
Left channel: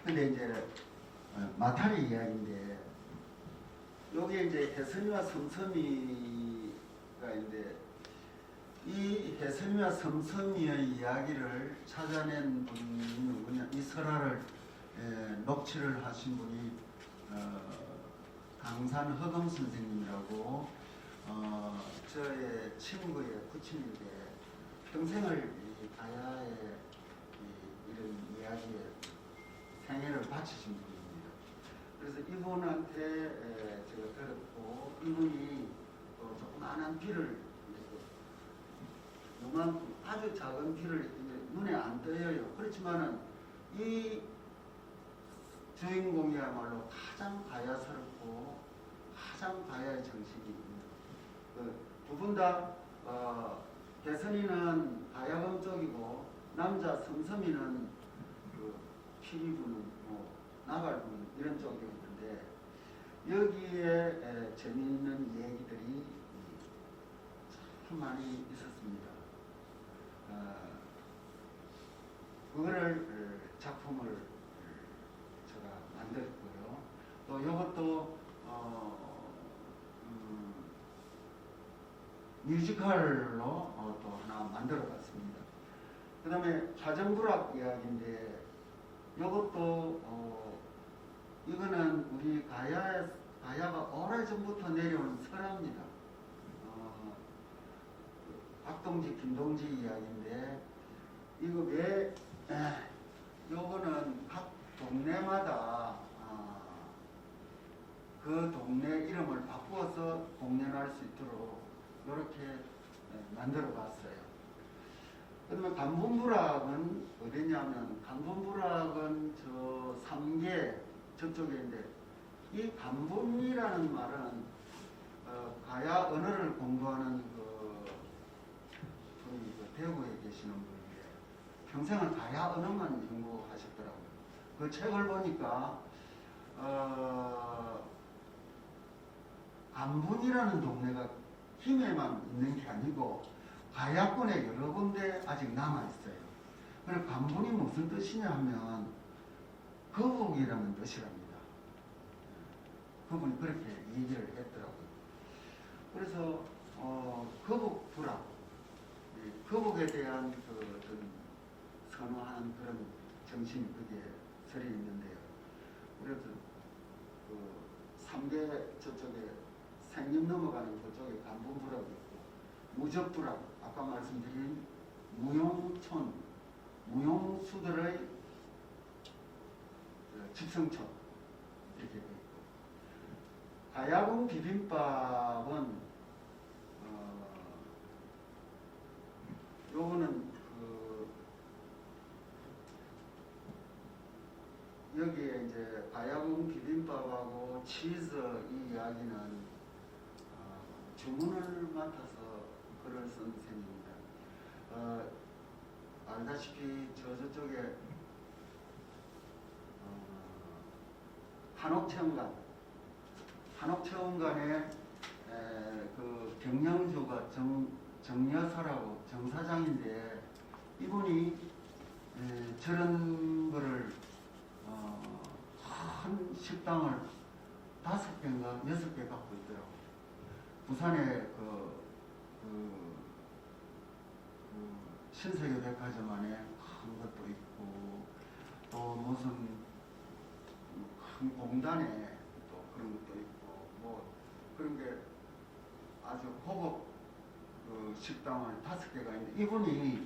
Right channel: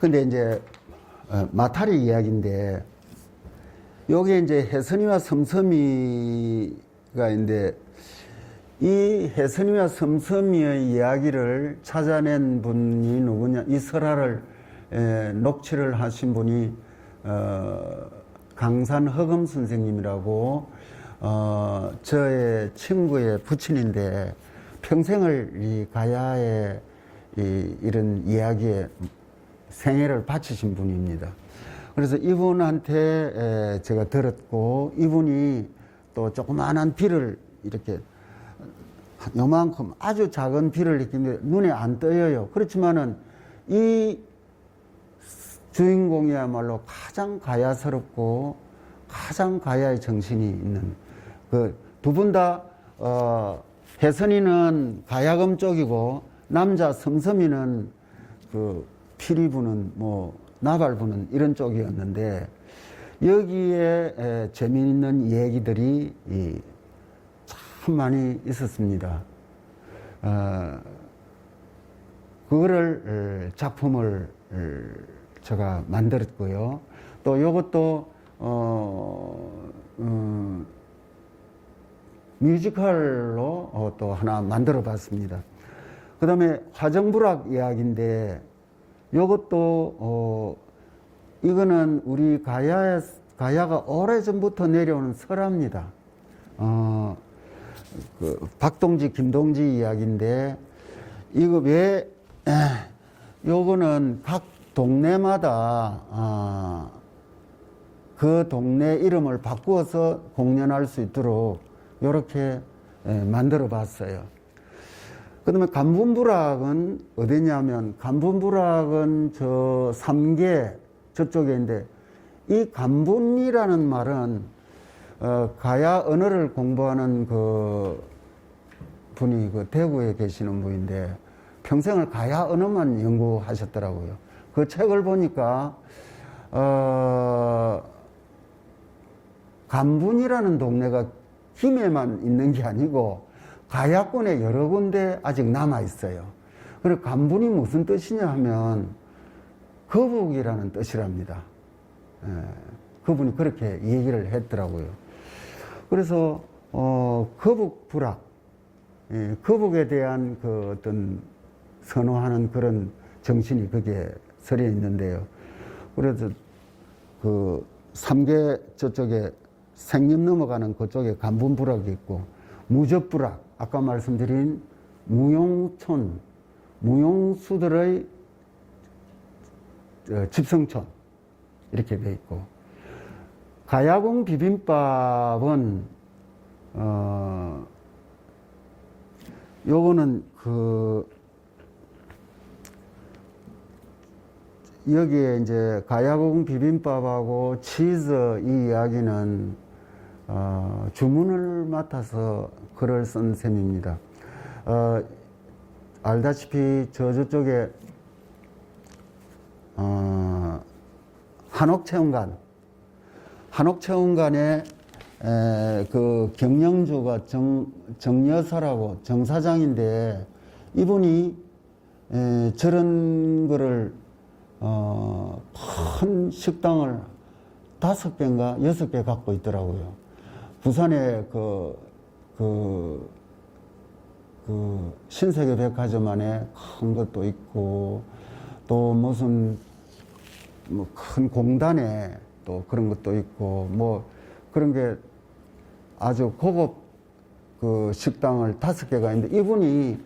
근데 이제 마타리 이야기인데, 여기에 이제 혜선이와 섬섬이가 있는데, 이 혜선이와 섬섬이의 이야기를 찾아낸 분이 누구냐? 이 설화를 녹취를 하신 분이 강산 허금 선생님이라고, 저의 친구의 부친인데 평생을 이 가야의 이런 이야기에 생애를 바치신 분입니다. 그래서 이분한테 제가 들었고, 이분이 또 조그마한 비를 이렇게 요만큼 아주 작은 비를 이렇게 눈에 안 떠요. 그렇지만은 이 주인공이야말로 가장 가야스럽고 가장 가야의 정신이 있는, 그 두 분 다 혜선이는 가야금 쪽이고 남자 섬섬이는 그 피리 부는 뭐 나발 부는 이런 쪽이었는데, 여기에 재미있는 얘기들이 참 많이 있었습니다. 그거를 작품을 제가 만들었고요. 또 이것도 뮤지컬로 또 하나 만들어 봤습니다. 그 다음에 화정부락 이야기인데, 이것도 이거는 우리 가야가 오래전부터 내려오는 설화입니다. 그 박동지, 김동지 이야기인데, 이거 왜 요거는 각 동네마다 그 동네 이름을 바꾸어서 공연할 수 있도록 이렇게 만들어 봤어요. 그 다음에 간분부락은 어디냐면, 간분부락은 저 삼계 저쪽에 있는데, 이 간분이라는 말은 가야 언어를 공부하는 그 분이 그 대구에 계시는 분인데 평생을 가야 언어만 연구하셨더라고요. 그 책을 보니까 간분이라는 동네가 김해만 있는 게 아니고 가야권에 여러 군데 아직 남아 있어요. 그리고 간분이 무슨 뜻이냐 하면 거북이라는 뜻이랍니다. 그분이 그렇게 얘기를 했더라고요. 그래서 거북부락, 거북에 대한 그 어떤 선호하는 그런 정신이 거기에 서려 있는데요. 그래서 그 삼계 저쪽에 생림 넘어가는 그쪽에 간분부락이 있고, 무적부락, 아까 말씀드린 무용촌, 무용수들의 집성촌, 이렇게 돼 있고, 가야금 비빔밥은 요거는 그 여기에 이제 가야금 비빔밥하고 치즈 이 이야기는 주문을 맡아서 글을 쓴 셈입니다. 알다시피 저쪽에 한옥체험관에 그 경영주가 정여사라고 정사장인데 이분이 저런 거를 큰 식당을 5개인가 6개 갖고 있더라고요. 부산에 그 신세계 백화점 안에 큰 것도 있고 또 무슨 뭐 큰 공단에 또 그런 것도 있고 뭐 그런 게 아주 고급 그 식당을 5개가 있는데 이분이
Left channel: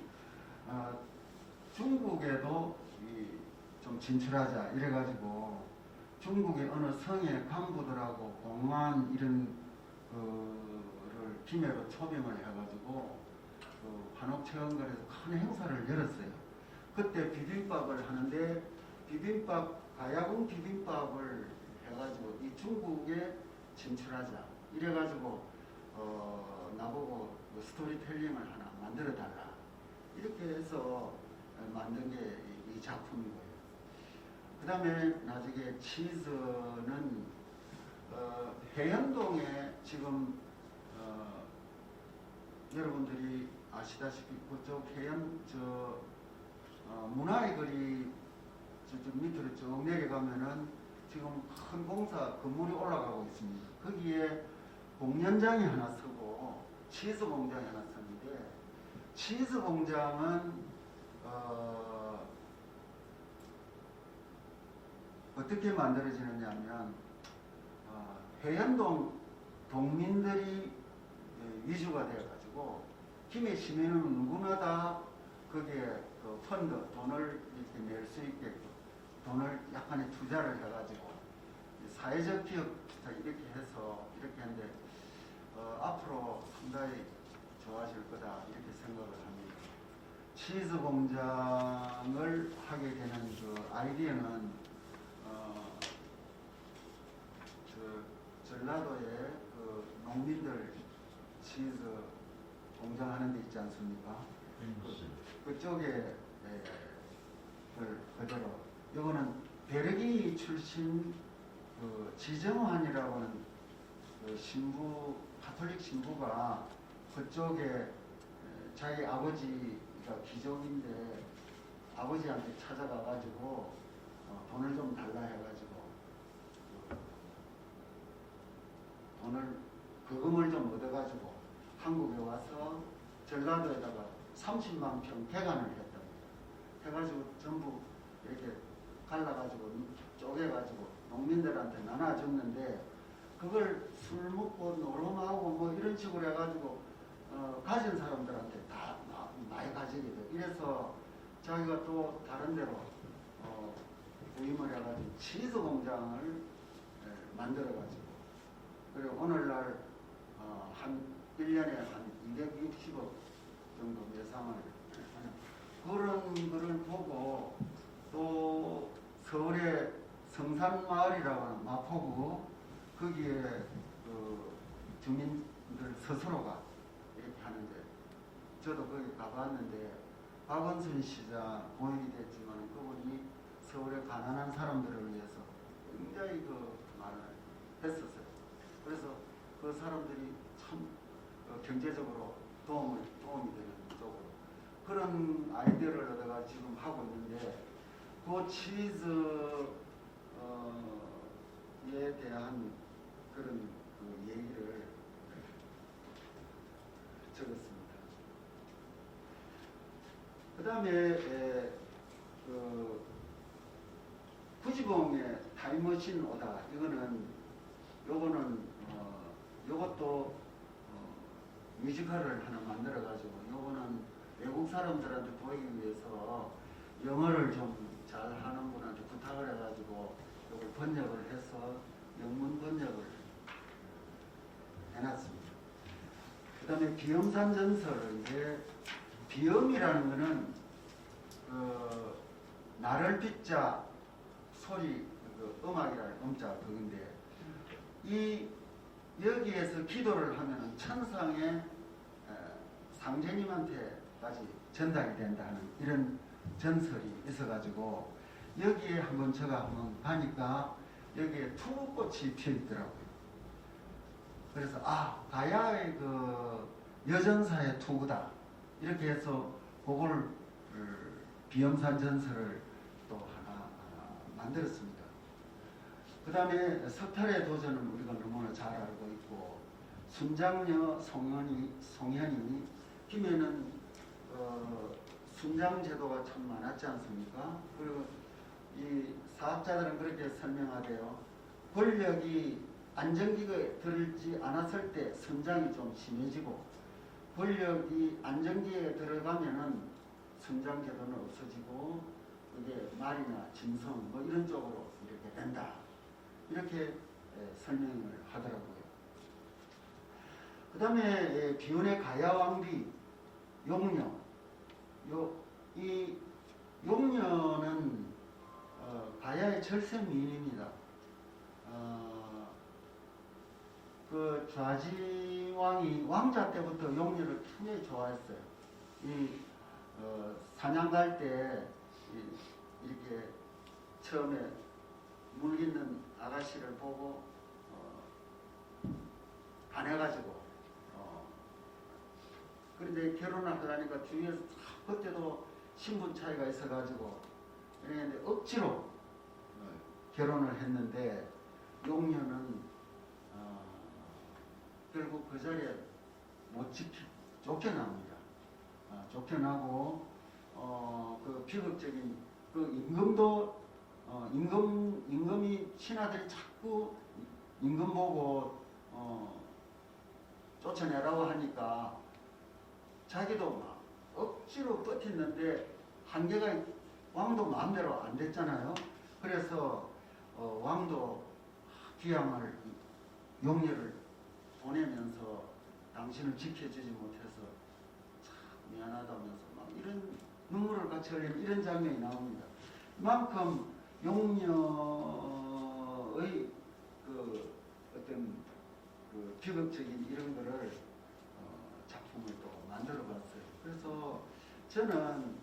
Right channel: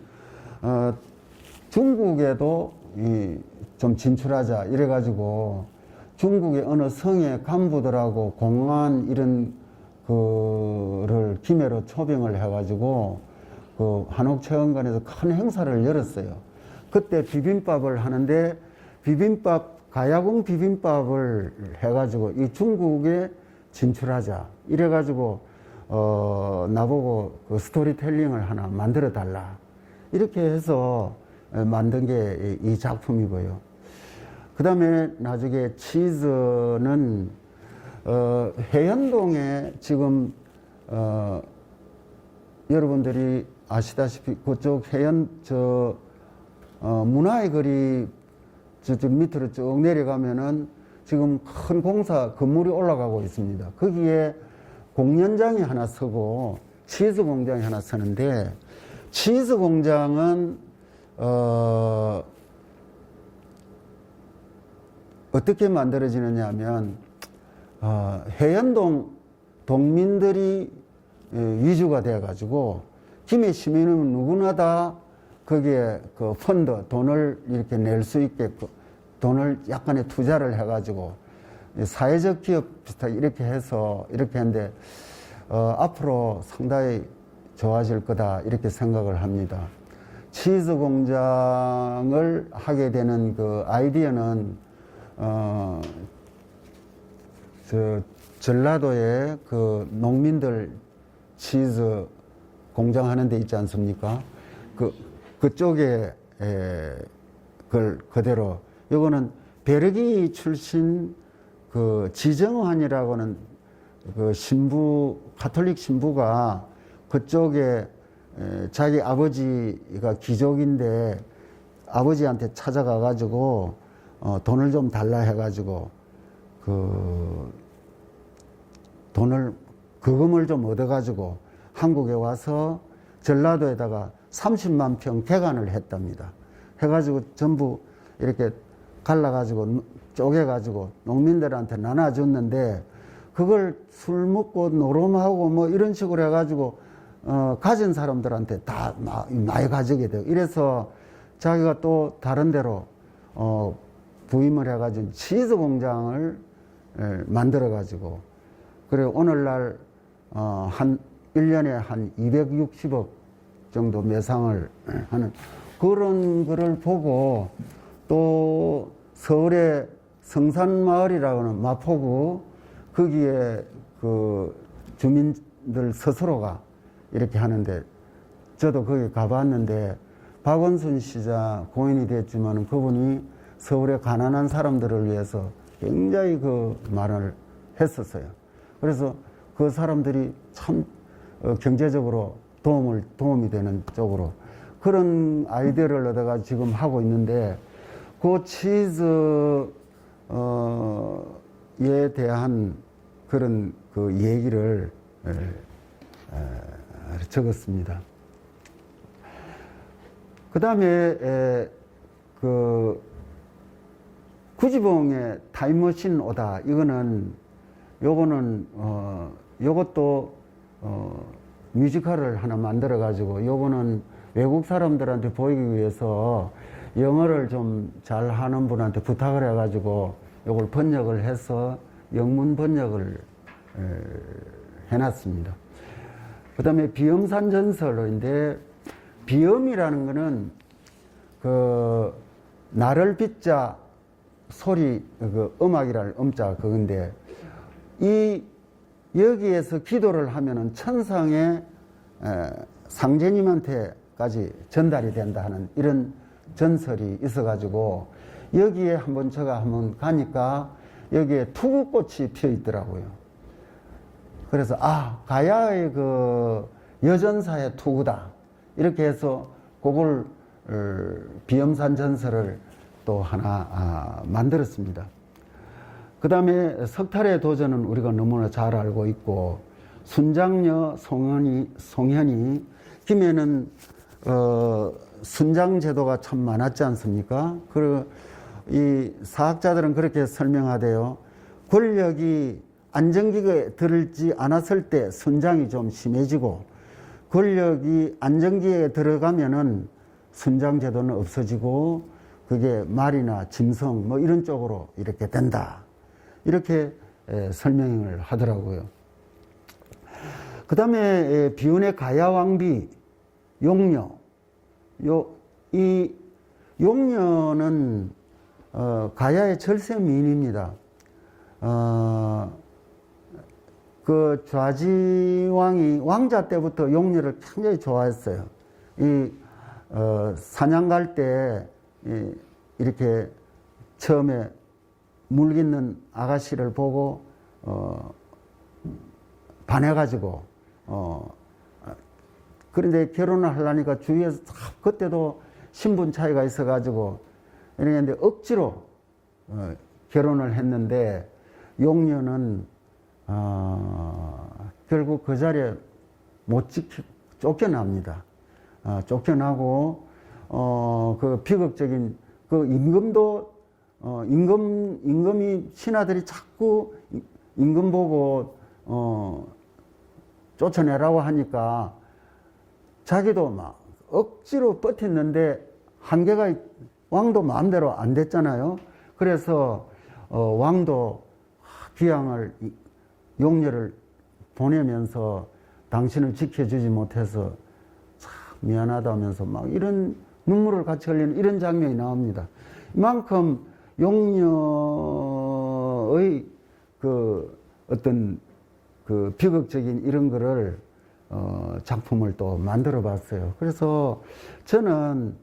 중국에도 좀 진출하자 이래가지고 중국의 어느 성의 간부들하고 공안 이런 거를 기매로 초빙을 해가지고 그 한옥체험관에서 큰 행사를 열었어요. 그때 비빔밥을 하는데 가야궁 비빔밥을 해가지고 이 중국에 진출하자 이래가지고 나보고 그 스토리텔링을 하나 만들어 달라 이렇게 해서 만든 게 이 작품이고요. 그 다음에 나중에 치즈는 해현동에 지금 여러분들이 아시다시피 그쪽 문화의 거리 저쪽 밑으로 쭉 내려가면은 지금 큰 공사 건물이 올라가고 있습니다. 거기에 공연장이 하나 서고 치즈 공장이 하나 서는데 치즈 공장은 어떻게 만들어지느냐 하면 해연동 동민들이 위주가 되어 가지고 김해 시민은 누구나 다 거기에 그 펀드 돈을 이렇게 낼 수 있게끔 돈을 약간의 투자를 해가지고 사회적 기업 비슷하게 이렇게 해서 이렇게 했는데 앞으로 상당히 좋아질 거다 이렇게 생각을 합니다. 치즈 공장을 하게 되는 그 아이디어는 전라도에 그 농민들 치즈 공장 하는 데 있지 않습니까? 그쪽에 그걸 그대로 요거는 베르기 출신 그 지정환이라고는 그 신부 가톨릭 신부가 그쪽에 자기 아버지가 귀족인데 아버지한테 찾아가 가지고 돈을 좀 달라 해 가지고 그 돈을 거금을 좀 얻어 가지고 한국에 와서 전라도에다가 30만 평 개간을 했답니다. 해가지고 전부 이렇게 갈라가지고 쪼개가지고 농민들한테 나눠줬는데 그걸 술 먹고 노름하고 뭐 이런 식으로 해가지고 가진 사람들한테 다 많이 가지게 돼요. 이래서 자기가 또 다른 데로 부임을 해가지고 치즈 공장을 만들어가지고 그리고 오늘날 한 1년에 한 260억 정도 매상을 하는 그런 거를 보고 또 서울의 성산마을이라고 하는 마포구 거기에 그 주민들 스스로가 이렇게 하는데 저도 거기 가봤는데 박원순 시장 고인이 됐지만 그분이 서울의 가난한 사람들을 위해서 굉장히 그 말을 했었어요. 그래서 그 사람들이 참 경제적으로 도움이 되는 쪽으로 그런 아이디어를 얻어가 지금 하고 있는데 그 치즈에 대한 그런 그 얘기를 적었습니다. 그 다음에 그 구지봉의 타임머신 오다 요것도 뮤지컬을 하나 만들어 가지고 요거는 외국 사람들한테 보이기 위해서 영어를 좀 잘하는 분한테 부탁을 해 가지고 요걸 번역을 해서 영문 번역을 해놨습니다. 그 다음에 비엄산 전설인데 비엄이라는 거는 그 나를 빚자 소리 그 음악이랄 음자 그건데 여기에서 기도를 하면은 천상의 상제님한테까지 전달이 된다 하는 이런 전설이 있어가지고 여기에 한번 가니까 여기에 투구꽃이 피어 있더라고요. 그래서 가야의 그 여전사의 투구다 이렇게 해서 그걸 비염산 전설을 또 하나 만들었습니다. 그 다음에 석탈의 도전은 우리가 너무나 잘 알고 있고, 순장녀 송현이 김해는 순장 제도가 참 많았지 않습니까? 그리고 이 사학자들은 그렇게 설명하대요. 권력이 안정기에 들지 않았을 때 순장이 좀 심해지고, 권력이 안정기에 들어가면은 순장 제도는 없어지고, 그게 말이나 짐승 뭐 이런 쪽으로 이렇게 된다. 이렇게 설명을 하더라고요. 그 다음에 비운의 가야왕비 용녀. 이 용녀는 가야의 절세 미인입니다. 그 좌지왕이 왕자 때부터 용녀를 굉장히 좋아했어요. 이 사냥 갈 때 이렇게 처음에 물깃는 아가씨를 보고 반해가지고 그런데 결혼을 하려니까 주위에서 그때도 신분 차이가 있어가지고 이랬는데 억지로 결혼을 했는데 용녀는 결국 그 자리에 못 쫓겨납니다. 쫓겨나고 그 비극적인 그 임금도 임금이 신하들이 자꾸 임금 보고 쫓아내라고 하니까 자기도 막 억지로 버텼는데 한계가 왕도 마음대로 안 됐잖아요. 그래서 왕도 귀양을 용녀를 보내면서 당신을 지켜주지 못해서 참 미안하다면서 막 이런 눈물을 같이 흘리는 이런 장면이 나옵니다. 이만큼 용녀의 그 어떤 그 비극적인 이런 거를 작품을 또 만들어 봤어요. 그래서 저는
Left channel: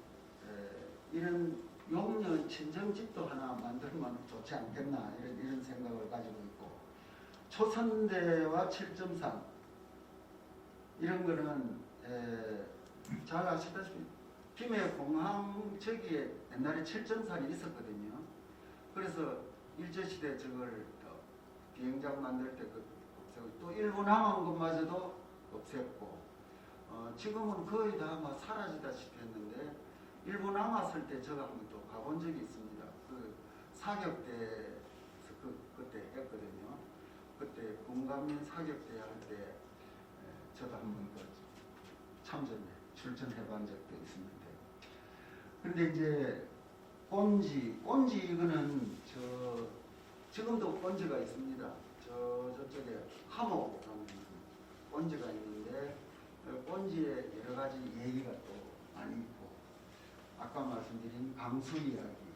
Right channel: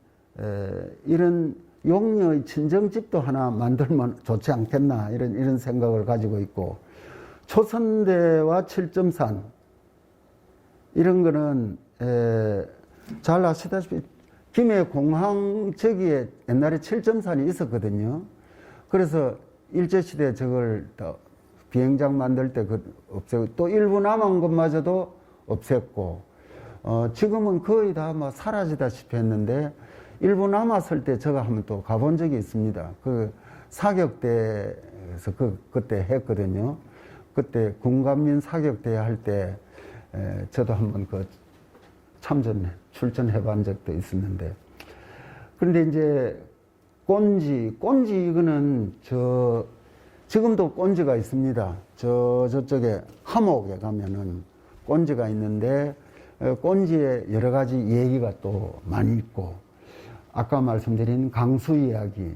이런 용녀의 친정집도 하나 만들면 좋지 않겠나 이런 생각을 가지고 있고, 초선대와 칠점산 이런 거는 잘 아시다시피 김해 공항 저기에 옛날에 칠점산이 있었거든요. 그래서 일제시대에 저걸 비행장 만들 때 없애고 또 일부 남은 것마저도 없앴고, 지금은 거의 다 뭐 사라지다시피 했는데 일부 남았을 때 제가 한번 또 가본 적이 있습니다. 그 사격대에서 그때 했거든요. 그때 군감민 사격대 할 때 저도 한번 출전해 본 적도 있었는데, 그런데 이제 꼰지 이거는 지금도 꼰지가 있습니다. 저쪽에 함옥에 가면은 꼰지가 있는데 꼰지에 여러 가지 얘기가 또 많이 있고, 아까 말씀드린 강수 이야기,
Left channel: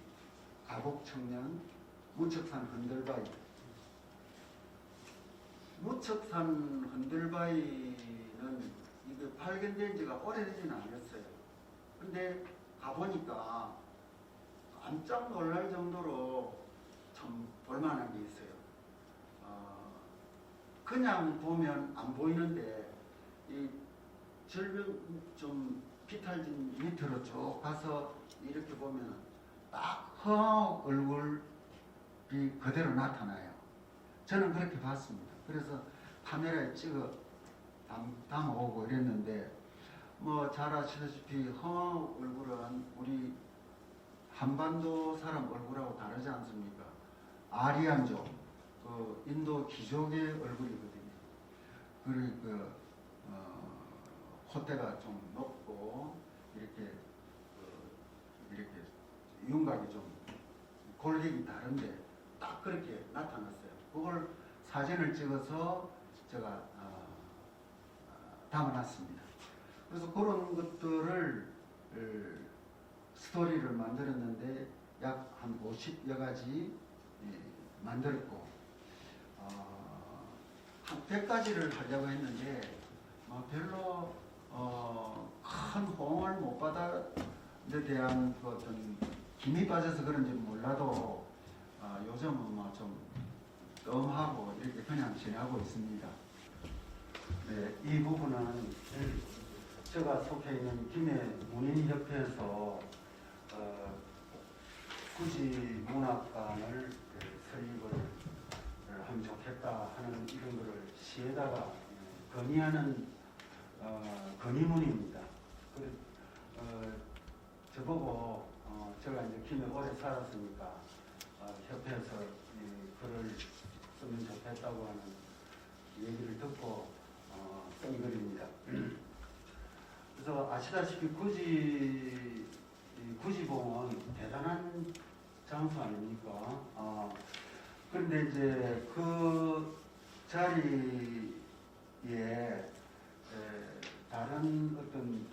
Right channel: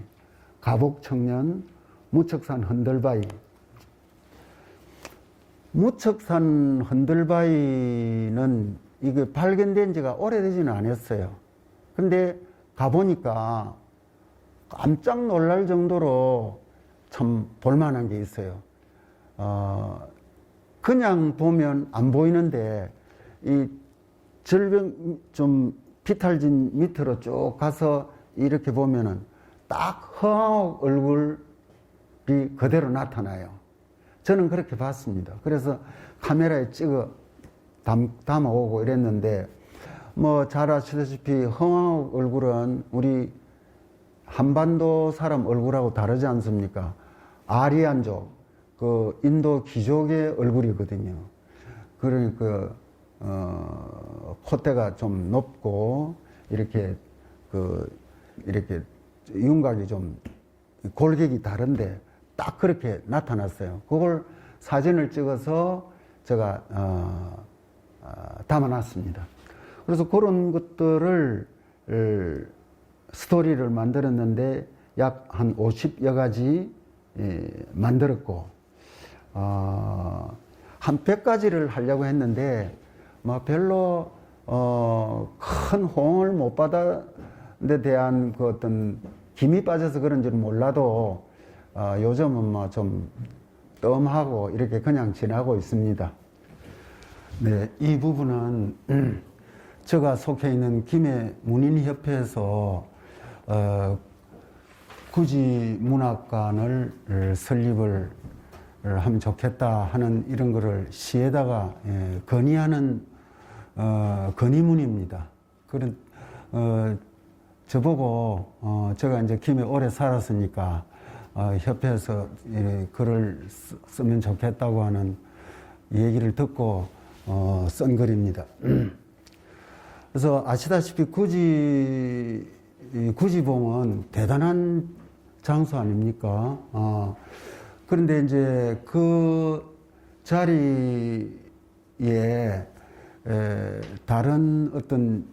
가복청년, 무척산 흔들바위. 무척산 흔들바위는 이게 발견된 지가 오래되지는 않았어요. 근데 가보니까 깜짝 놀랄 정도로 참 볼만한 게 있어요. 그냥 보면 안 보이는데 이 절벽 좀 비탈진 밑으로 쭉 가서 이렇게 보면은 딱 허황 얼굴이 그대로 나타나요. 저는 그렇게 봤습니다. 그래서 카메라에 찍어 담아오고 이랬는데, 뭐 잘 아시다시피 허황 얼굴은 우리 한반도 사람 얼굴하고 다르지 않습니까? 아리안족, 그 인도 귀족의 얼굴이거든요. 그러니까 콧대가 좀 높고 이렇게 이렇게 윤곽이 좀 골격이 다른데 딱 그렇게 나타났어요. 그걸 사진을 찍어서 제가 담아놨습니다. 그래서 그런 것들을 스토리를 만들었는데 약 한 50여 가지 만들었고, 한 100가지를 하려고 했는데 뭐 별로 큰 호응을 못 받은 데 대한 그 어떤 힘이 빠져서 그런지는 몰라도 요즘은 뭐 좀 뜸하고 이렇게 그냥 지나고 있습니다. 네, 이 부분은 제가 속해 있는 김해 문인협회에서 굳이 문학관을 설립을 하면 좋겠다 하는 이런 거를 시에다가 건의하는 건의문입니다. 그런 저보고 제가 이제 김해 오래 살았으니까 협회에서 글을 쓰면 좋겠다고 하는 얘기를 듣고 쓴 글입니다. 그래서 아시다시피 구지봉은 대단한 장소 아닙니까? 그런데 이제 그 자리에 다른 어떤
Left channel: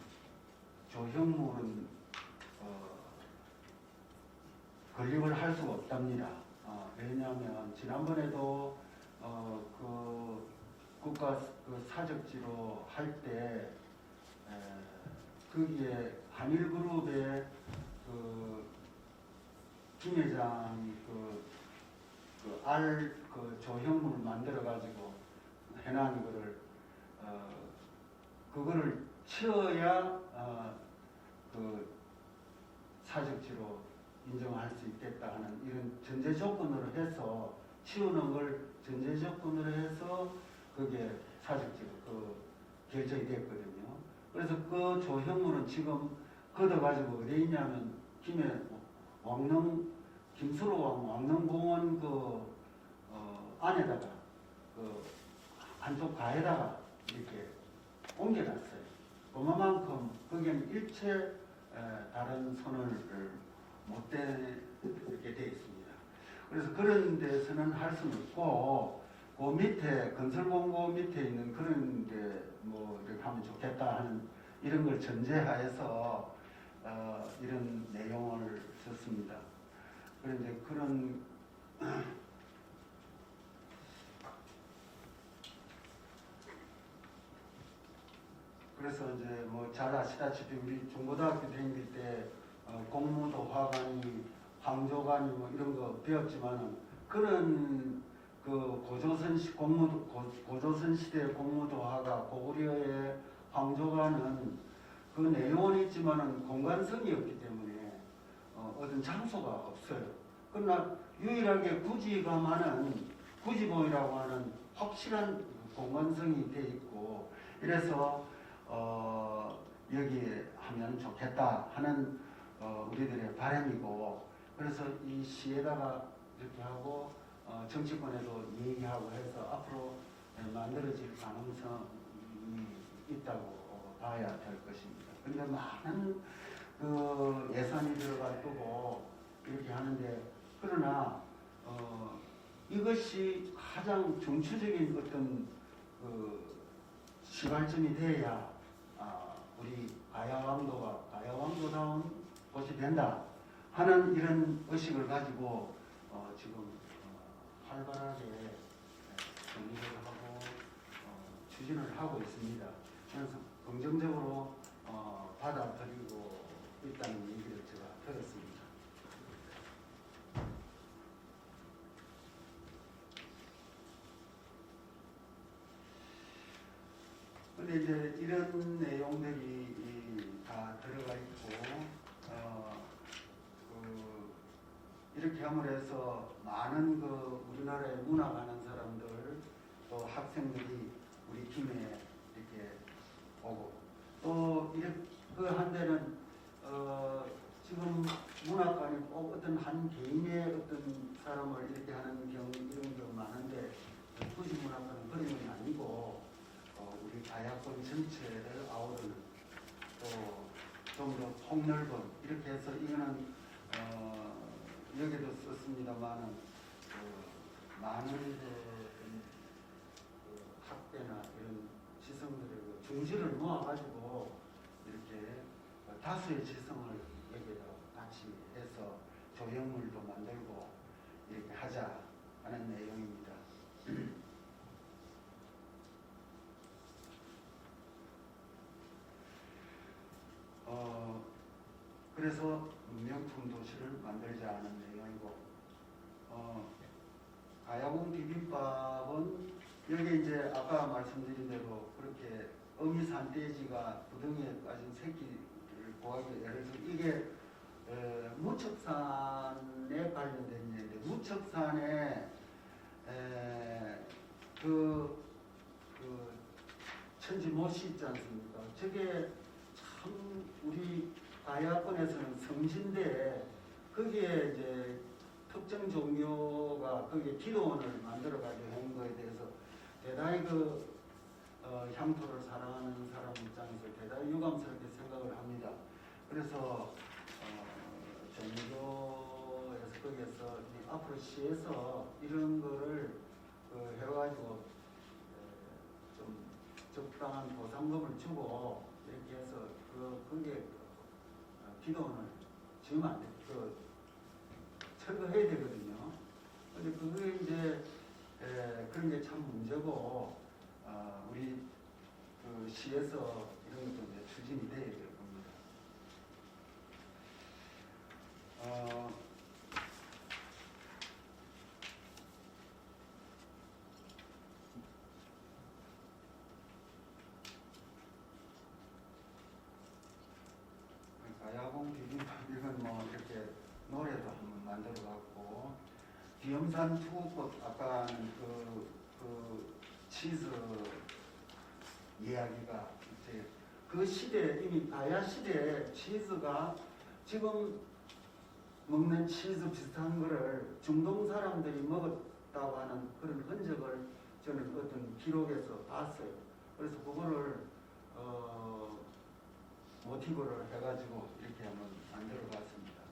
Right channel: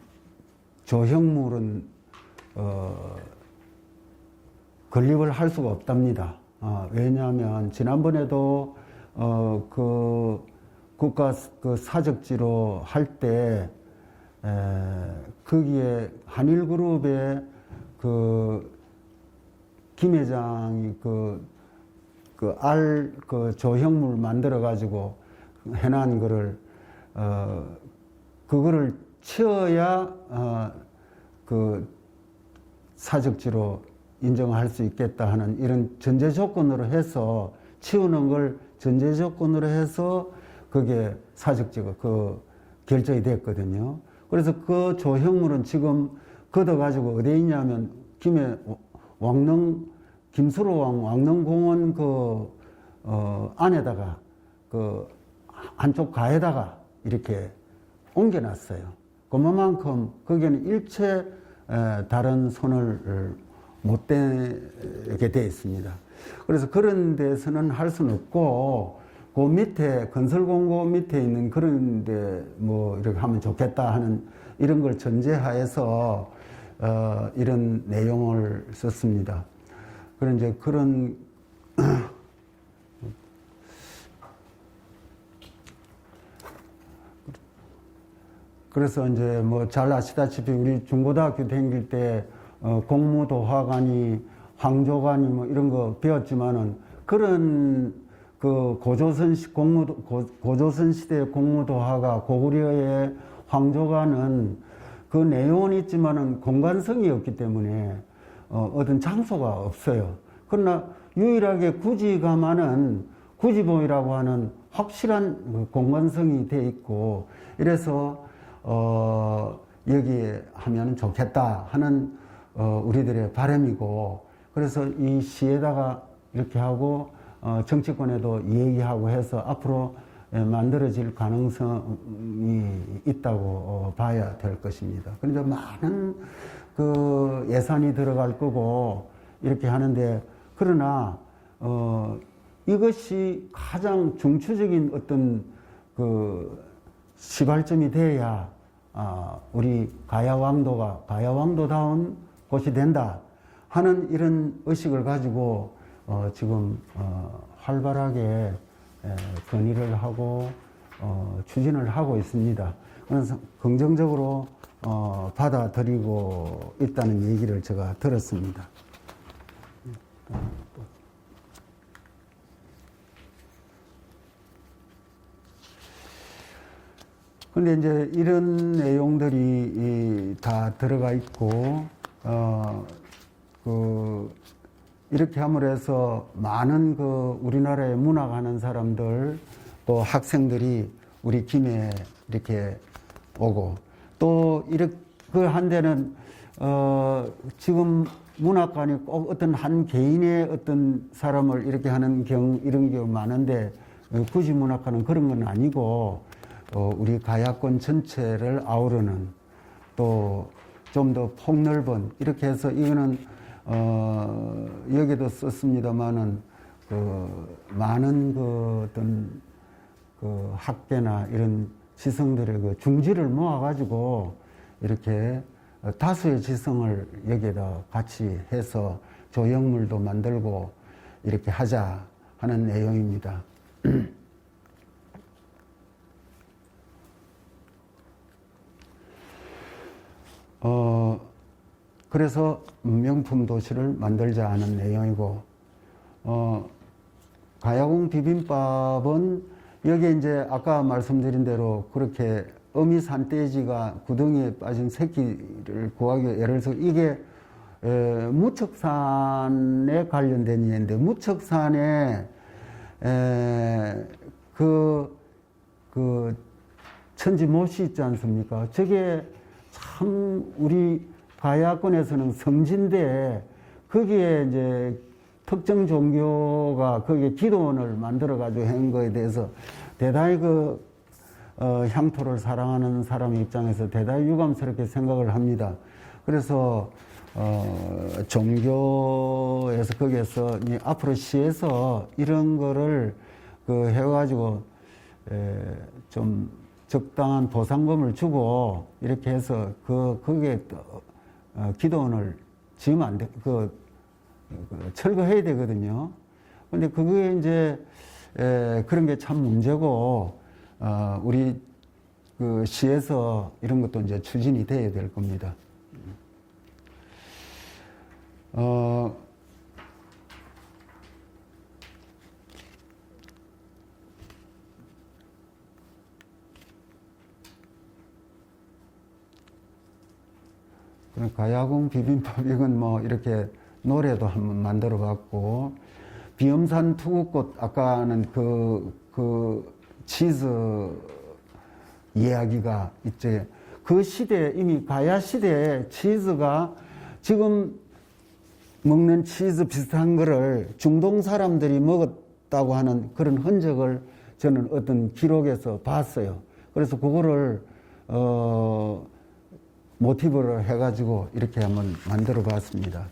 조형물은 건립을 할 수가 없답니다. 왜냐하면 지난번에도 그 국가 그 사적지로 할 때 거기에 한일그룹의 김 회장이 그 조형물 만들어 가지고 해놓은 거를 그거를 치어야 그 사적지로 인정할 수 있겠다 하는 이런 전제 조건으로 해서 치우는 걸 전제 조건으로 해서 그게 사적지가 결정이 됐거든요. 그래서 그 조형물은 지금 걷어가지고 어디에 있냐면 김해 김수로왕 왕릉공원 안에다가 한쪽 가에다가 이렇게 옮겨놨어요. 그만큼 거기는 일체 다른 손을 못 대게 되어 있습니다. 그래서 그런 데서는 할 수는 없고 그 밑에 건설공고 밑에 있는 그런 데 뭐 이렇게 하면 좋겠다 하는 이런 걸 전제하에서 이런 내용을 썼습니다. 그런 이제 그런 그래서 이제 뭐 잘 아시다시피 우리 중고등학교 다닐 때 공무도화관이 황조관이 뭐 이런 거 배웠지만은 그런 그 고조선 시대의 공무도화가 고구려의 황조관은 그 내용은 있지만은 공간성이 없기 때문에 어떤 장소가 없어요. 그러나 유일하게 구지가만은 구지봉이라고 하는 확실한 공간성이 돼 있고 이래서 여기에 하면 좋겠다 하는 우리들의 바람이고 그래서 이 시에다가 이렇게 하고 정치권에도 얘기하고 해서 앞으로 만들어질 가능성이 있다고 봐야 될 것입니다. 그런데 많은 그 예산이 들어갈 거고 이렇게 하는데 그러나 이것이 가장 중추적인 어떤 그 시발점이 돼야 우리 가야왕도다운 곳이 된다 하는 이런 의식을 가지고 지금 활발하게 건의를 하고 추진을 하고 있습니다. 그래서 긍정적으로 받아들이고 있다는 얘기를 제가 들었습니다. 근데 이제 이런 내용들이 다 들어가 있고, 이렇게 함으로 해서 많은 우리나라에 문학하는 사람들, 또 학생들이 우리 김에 이렇게 오고, 또 이렇게 한 데는, 지금 문학관이 꼭 어떤 한 개인의 어떤 사람을 이렇게 하는 이런 경우 많은데, 굳이 문학관은 그런 건 아니고, 우리 가야권 전체를 아우르는 또 좀 더 폭넓은 이렇게 해서 이거는 여기도 썼습니다만은 많은 어떤 학계나 이런 지성들의 중지를 모아가지고 이렇게 다수의 지성을 여기에다 같이 해서 조형물도 만들고 이렇게 하자 하는 내용입니다. 그래서 명품 도시를 만들자 하는 내용이고, 가야궁 비빔밥은 여기 이제 아까 말씀드린 대로 그렇게 어미 산돼지가 구덩이에 빠진 새끼를 구하기 위해 예를 들어서 이게 무척산에 관련된 얘기인데 무척산에 그 천지 못이 있지 않습니까? 저게 참 우리 가야권에서는 성지인데 거기에 이제 특정 종교가 거기에 기도원을 만들어 가지고 한 거에 대해서 대단히 향토를 사랑하는 사람 입장에서 대단히 유감스럽게 생각을 합니다. 그래서 종교에서 거기에서 앞으로 시에서 이런 거를 해가지고 좀 적당한 보상금을 주고 이렇게 해서 거기에 기도원을 지으면 안 돼. 철거해야 되거든요. 근데 그게 이제 그런 게 참 문제고 우리 시에서 이런 것도 이제 추진이 돼야 될 겁니다. 가야궁 비빔밥 이건 뭐 이렇게 노래도 한번 만들어 봤고 비염산 투구꽃 아까는 그 치즈 이야기가 이제 그 시대 이미 가야 시대에 치즈가 지금 먹는 치즈 비슷한 거를 중동 사람들이 먹었다고 하는 그런 흔적을 저는 어떤 기록에서 봤어요. 그래서 그거를 모티브를 해가지고 이렇게 한번 만들어 봤습니다.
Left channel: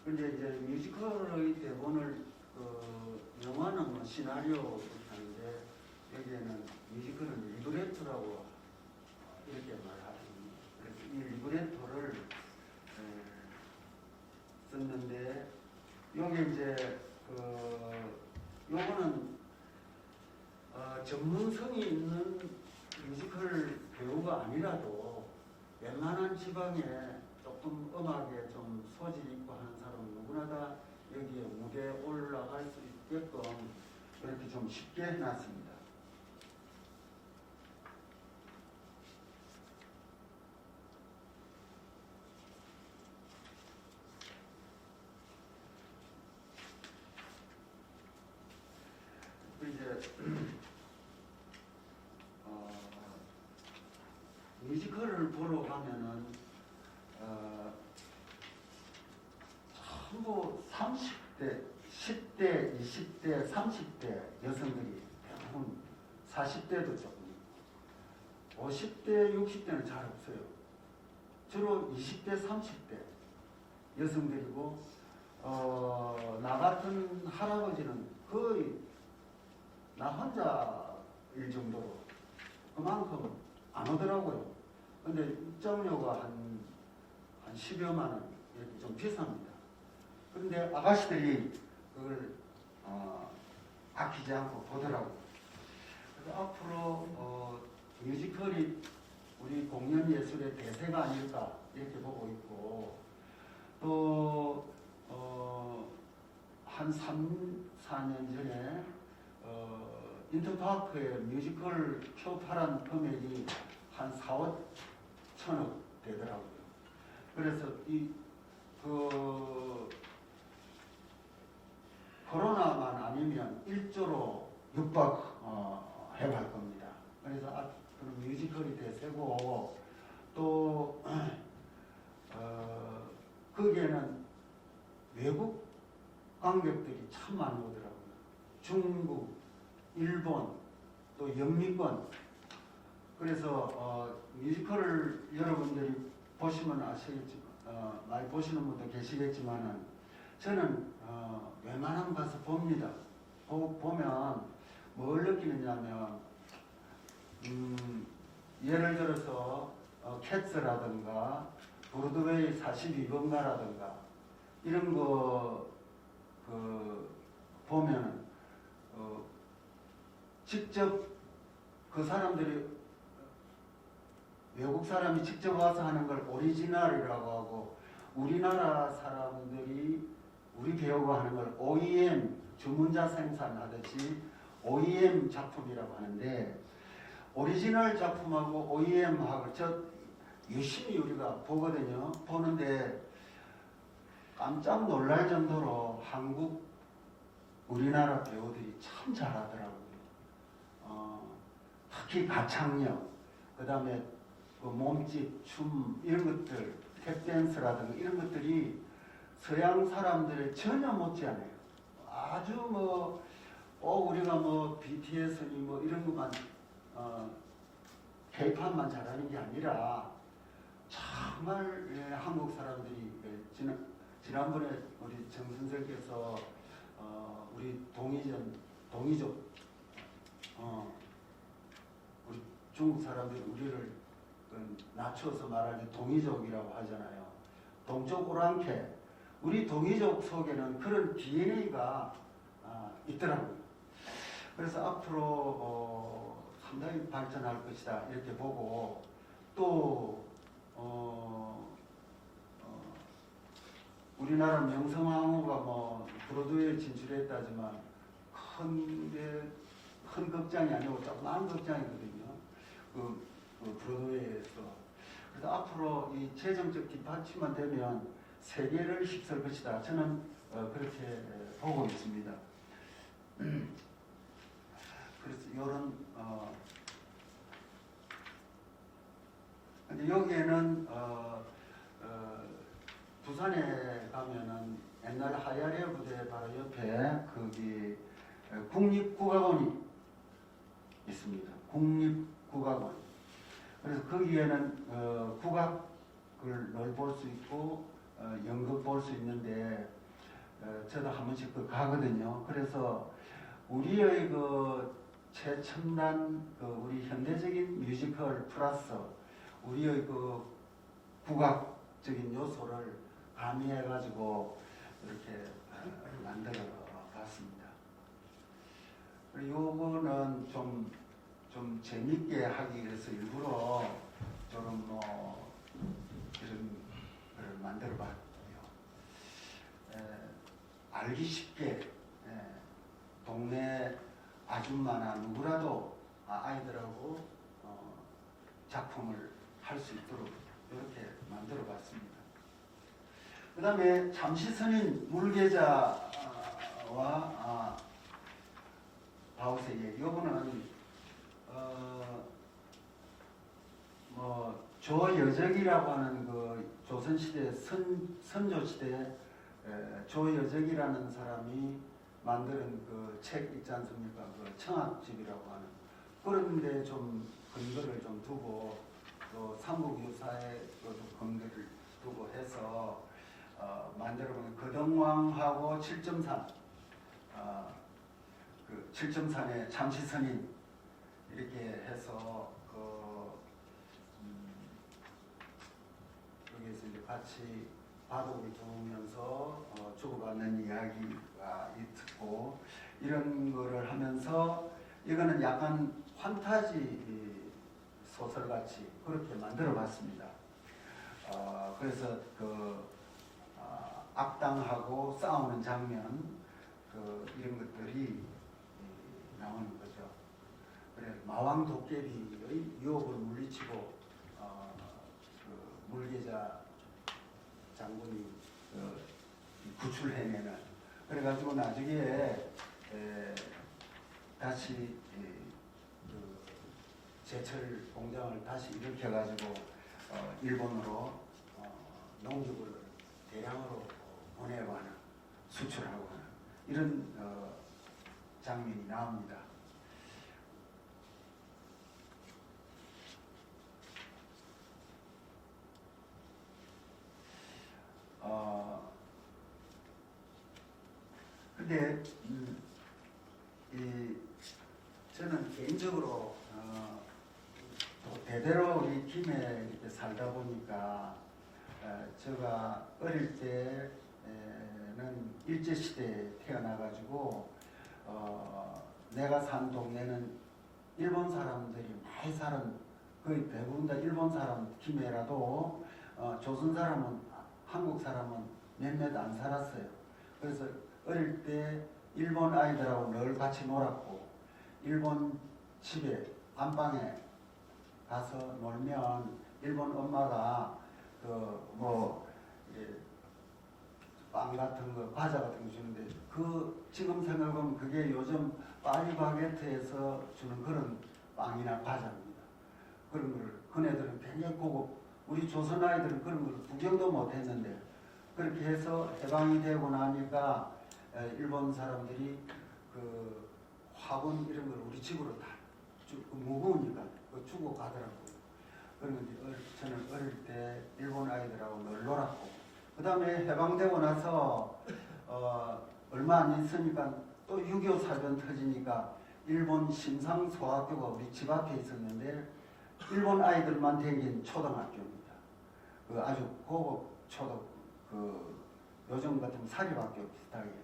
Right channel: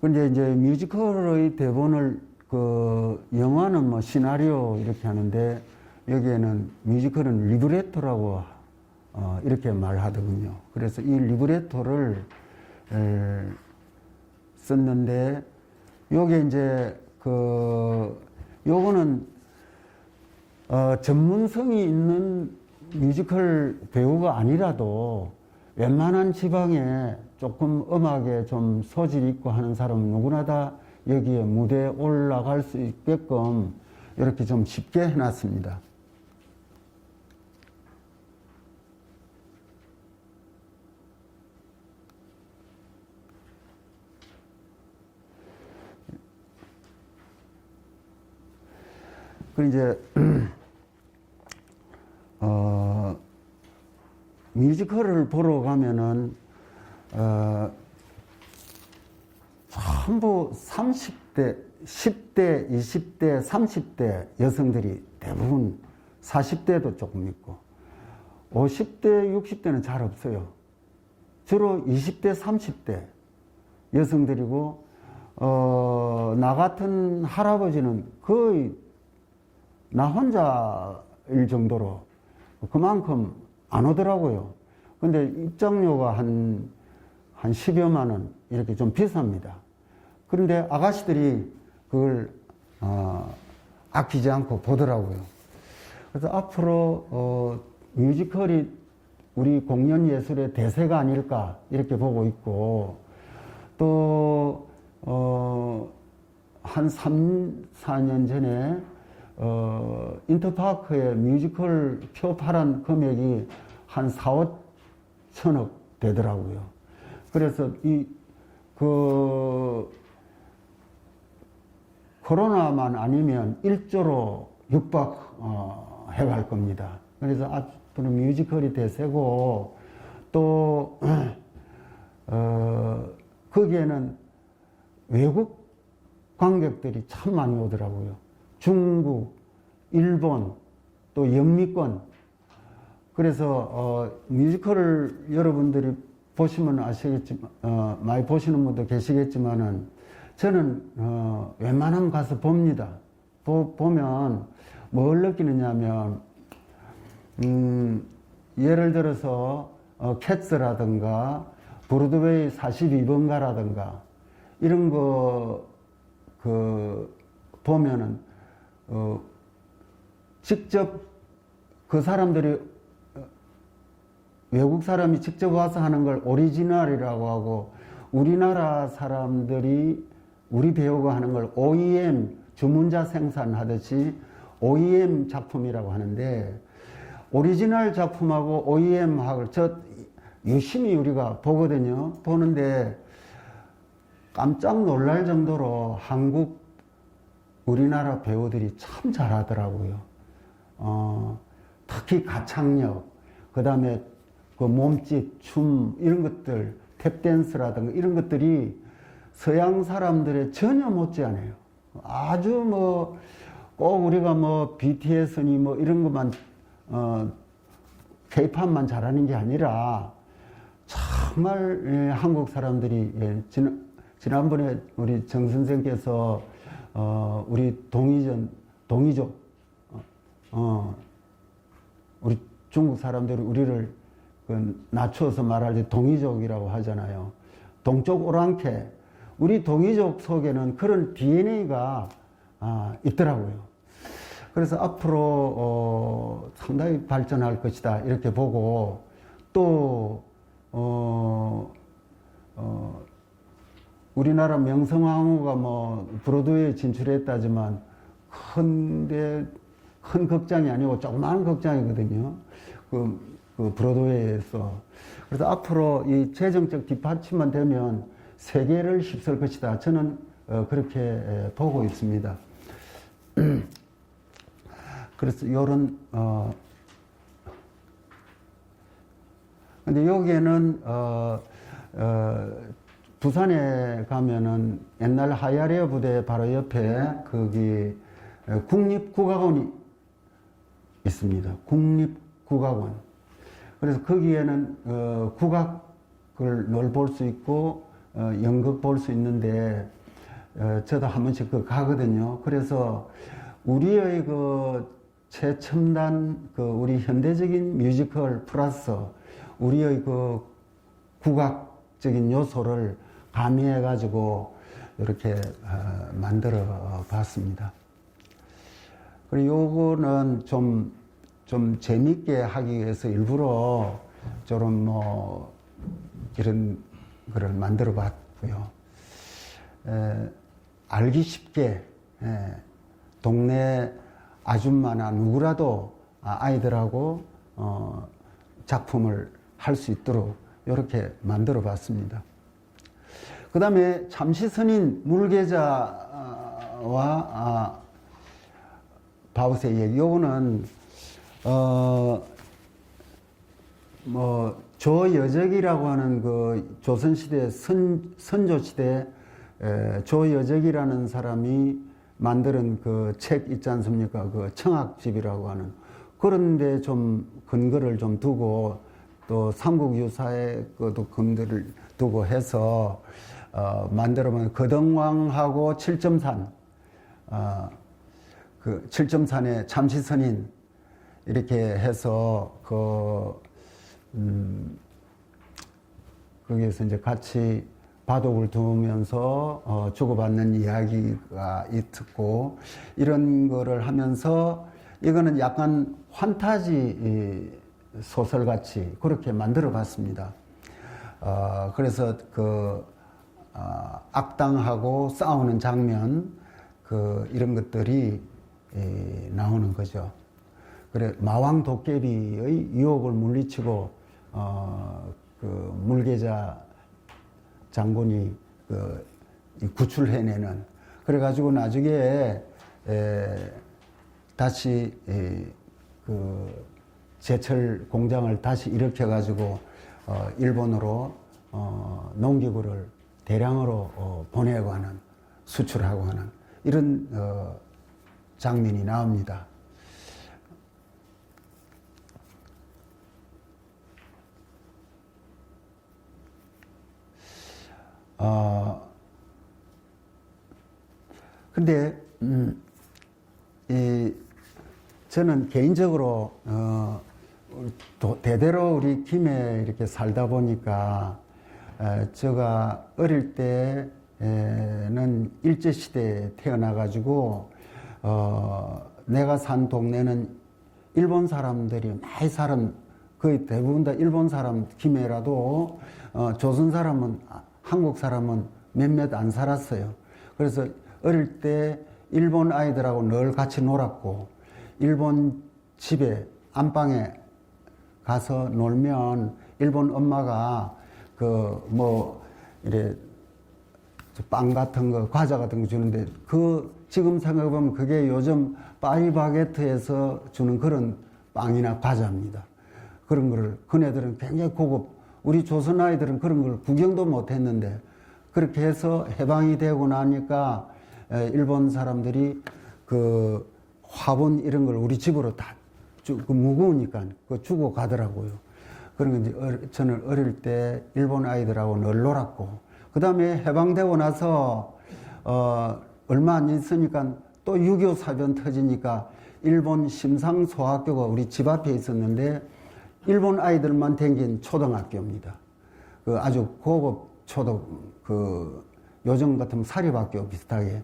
근데 이제 뮤지컬의 대본을 영화는 뭐 시나리오 이렇게 하는데 여기에는 뮤지컬은 리브레토라고 이렇게 말하더군요. 그래서 이 리브레토를 썼는데 요게 이제 요거는 전문성이 있는 뮤지컬 배우가 아니라도 웬만한 지방에 조금 음악에 좀 소질이 있고 하는 사람은 누구나 다 여기에 무대에 올라갈 수 있게끔 이렇게 좀 쉽게 해놨습니다. 그 이제 뮤지컬을 보러 가면은 전부 30대, 10대, 20대, 30대 여성들이 대부분 40대도 조금 있고 50대, 60대는 잘 없어요. 주로 20대, 30대 여성들이고 나 같은 할아버지는 거의 나 혼자일 정도로 그만큼 안 오더라고요. 근데 입장료가 한 10여만 원 이렇게 좀 비쌉니다. 그런데 아가씨들이 그걸 아끼지 않고 보더라고요. 그래서 앞으로 뮤지컬이 우리 공연 예술의 대세가 아닐까 이렇게 보고 있고 또 한 3, 4년 전에 인터파크에 뮤지컬 표 팔은 금액이 한 4, 5천억 되더라고요. 그래서 코로나만 아니면 1조로 육박해갈 겁니다. 그래서 앞으로 뮤지컬이 대세고 또 거기에는 외국 관객들이 참 많이 오더라고요. 중국, 일본, 또 영미권. 그래서 뮤지컬을 여러분들이 보시면 아시겠지만 많이 보시는 분도 계시겠지만은 저는 웬만하면 가서 봅니다. 보면 뭘 느끼느냐면 예를 들어서 캣스라든가 브로드웨이 42번가라든가 이런 거 보면은 직접 그 사람들이 외국 사람이 직접 와서 하는 걸 오리지널이라고 하고 우리나라 사람들이 우리 배우가 하는 걸 OEM 주문자 생산하듯이 OEM 작품이라고 하는데 오리지널 작품하고 OEM하고 유심히 우리가 보거든요. 보는데 깜짝 놀랄 정도로 우리나라 배우들이 참 잘하더라고요. 특히 가창력, 그 다음에 그 몸짓, 춤, 이런 것들, 탭댄스라든가 이런 것들이 서양 사람들의 전혀 못지않아요. 아주 꼭 우리가 BTS니 이런 것만, K-팝만 잘하는 게 아니라 정말 한국 사람들이 지난번에 우리 정 선생께서 우리 동이족 우리 중국 사람들이 우리를 낮춰서 말할 때 동이족이라고 하잖아요. 동쪽 오랑캐. 우리 동이족 속에는 그런 DNA가 있더라고요. 그래서 앞으로 상당히 발전할 것이다 이렇게 보고 또 우리나라 명성황후가 브로드웨이에 진출했다지만 큰 극장이 아니고 조그마한 극장이거든요. 그 브로드웨이에서. 그래서 앞으로 이 재정적 뒷받침만 되면 세계를 휩쓸 것이다. 저는 그렇게 보고 있습니다. 그래서 요런 근데 여기에는 부산에 가면은 옛날 하야레어 부대 바로 옆에 거기 국립국악원이 있습니다. 국립국악원. 그래서 거기에는 국악을 늘 볼 수 있고 연극 볼 수 있는데 저도 한 번씩 가거든요. 그래서 우리의 최첨단 우리 현대적인 뮤지컬 플러스 우리의 국악적인 요소를 가미해 가지고 이렇게 만들어 봤습니다. 그리고 요거는 좀 재밌게 하기 위해서 일부러 저런 이런 거를 만들어 봤고요. 알기 쉽게 동네 아줌마나 누구라도 아이들하고 작품을 할 수 있도록 이렇게 만들어 봤습니다. 그 다음에 참시선인 물계자와 바우스의 얘기. 요거는 조여적이라고 하는 조선시대 선조시대 조여적이라는 사람이 만드는 책 있지 않습니까? 청학집이라고 하는. 그런데 좀 근거를 좀 두고 또 삼국유사의 것도 근거를 두고 해서 만들어본 거덕왕하고 7.3 7.3의 참시선인 이렇게 해서 거기에서 이제 같이 바둑을 두면서 주고받는 이야기가 있고 이런 거를 하면서 이거는 약간 환타지 소설같이 그렇게 만들어 봤습니다. 그래서 악당하고 싸우는 장면 이런 것들이 나오는 거죠. 그래 마왕 도깨비의 유혹을 물리치고 물계자 장군이 구출해내는. 그래가지고 나중에 다시 제철 공장을 다시 일으켜가지고 일본으로 농기구를 대량으로 보내고 하는, 수출하고 하는 이런 장면이 나옵니다. 근데 저는 개인적으로 대대로 우리 김해 이렇게 살다 보니까 제가 어릴 때는 일제시대에 태어나가지고 내가 산 동네는 일본 사람들이 많이 살은 거의 대부분 다 일본 사람 김해라도 조선 사람은 한국 사람은 몇몇 안 살았어요. 그래서 어릴 때 일본 아이들하고 늘 같이 놀았고 일본 집에 안방에 가서 놀면 일본 엄마가 이래 빵 같은 거 과자 같은 거 주는데 지금 생각해보면 그게 요즘 파리바게트에서 주는 그런 빵이나 과자입니다. 그런 거를 그네들은 굉장히 고급, 우리 조선 아이들은 그런 걸 구경도 못 했는데 그렇게 해서 해방이 되고 나니까 일본 사람들이 그 화분 이런 걸 우리 집으로 다 무거우니까 그거 주고 가더라고요. 그런 거 이제 저는 어릴 때 일본 아이들하고 늘 놀았고, 그 다음에 해방되고 나서 얼마 안 있으니까 또 6.25 사전 터지니까 일본 심상소학교가 우리 집 앞에 있었는데 일본 아이들만 댕긴 초등학교입니다. 그 아주 고급 요즘 같으면 사립학교 비슷하게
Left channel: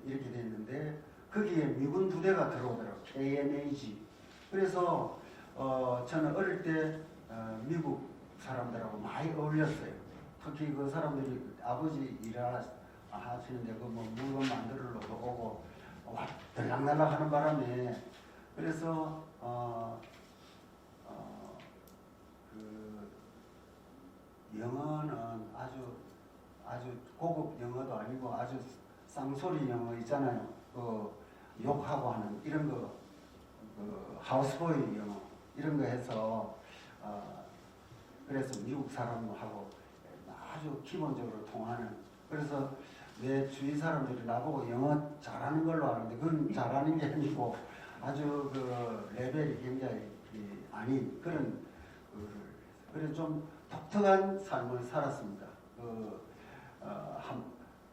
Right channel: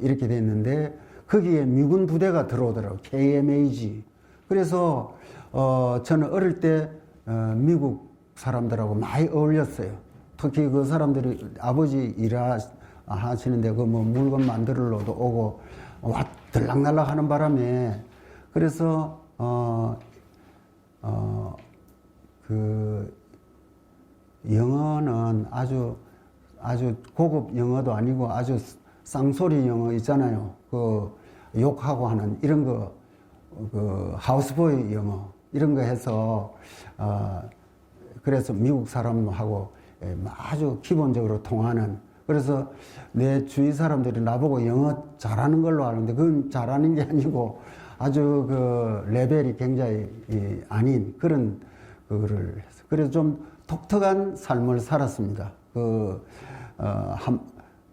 이렇게 됐는데 거기에 미군 부대가 들어오더라고요. KMAG. 그래서 저는 어릴 때 미국 사람들하고 많이 어울렸어요. 특히 그 사람들이 아버지 일하시는데 그 뭐 물건 만들러도 오고 들락날락 하는 바람에 그래서 그 영어는 아주 고급 영어도 아니고 아주 쌍소리 영어 있잖아요. 그 욕하고 하는 이런 거, 그 하우스보이 영어 이런 거 해서 그래서 미국 사람하고 아주 기본적으로 통하는, 그래서 내 주위 사람들이 나보고 영어 잘하는 걸로 아는데 그건 잘하는 게 아니고 아주 그 레벨이 굉장히 아닌 그런 그거를 해서 그래서 좀 독특한 삶을 살았습니다.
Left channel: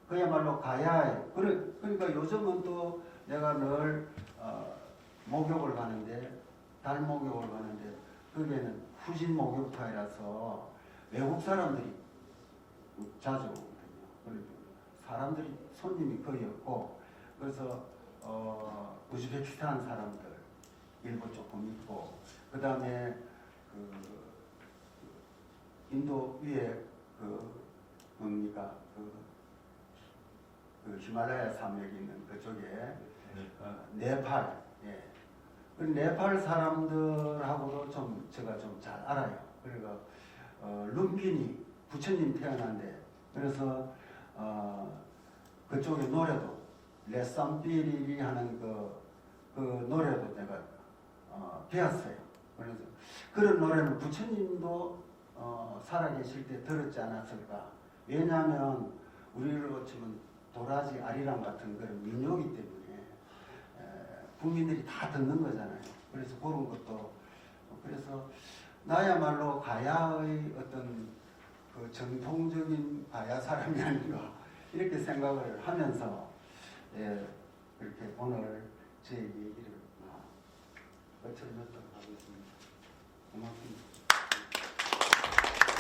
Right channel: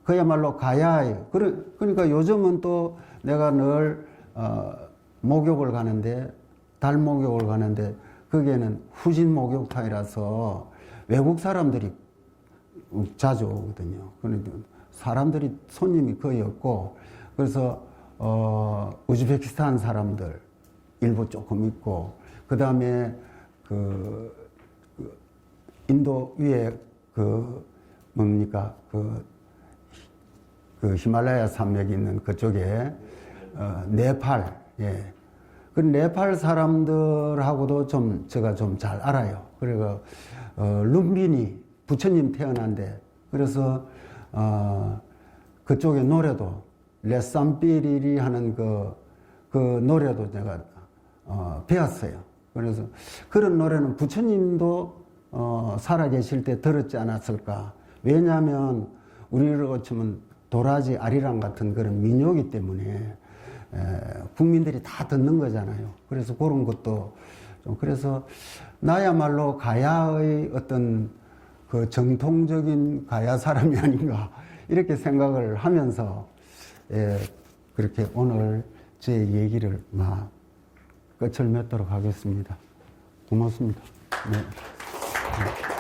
그야말로 가야에 그러니까 요즘은 또 내가 늘 목욕을 가는데 달 목욕을 가는데 거기에는 후진 목욕탕이라서 외국 사람들이 자주 오거든요. 그러니까 사람들이 손님이 거의 없고 그래서 우즈베키스탄 사람들 일부 조금 있고 그 다음에 그 인도 위에 뭡니까 그 히말라야 산맥이 있는 그쪽에 네팔, 예. 그 네팔 사람들하고도 제가 좀 잘 알아요. 그리고 룸비니 부처님 태어난데 그래서 그쪽의 노래도 레쌈삐리리 하는 그 노래도 제가 배웠어요. 그래서 그런 노래는 부처님도 살아계실 때 들었지 않았을까. 왜냐하면 우리로 치면 도라지 아리랑 같은 그런 민요이기 때문에 국민들이 다 듣는 거잖아요. 그래서 그런 것도 좀 그래서 나야말로 가야의 어떤 그 정통적인 가야 사람이 아닌가 이렇게 생각을 하면서 그렇게 오늘 제 얘기를 끝을 맺도록 하겠습니다. 고맙습니다. 네.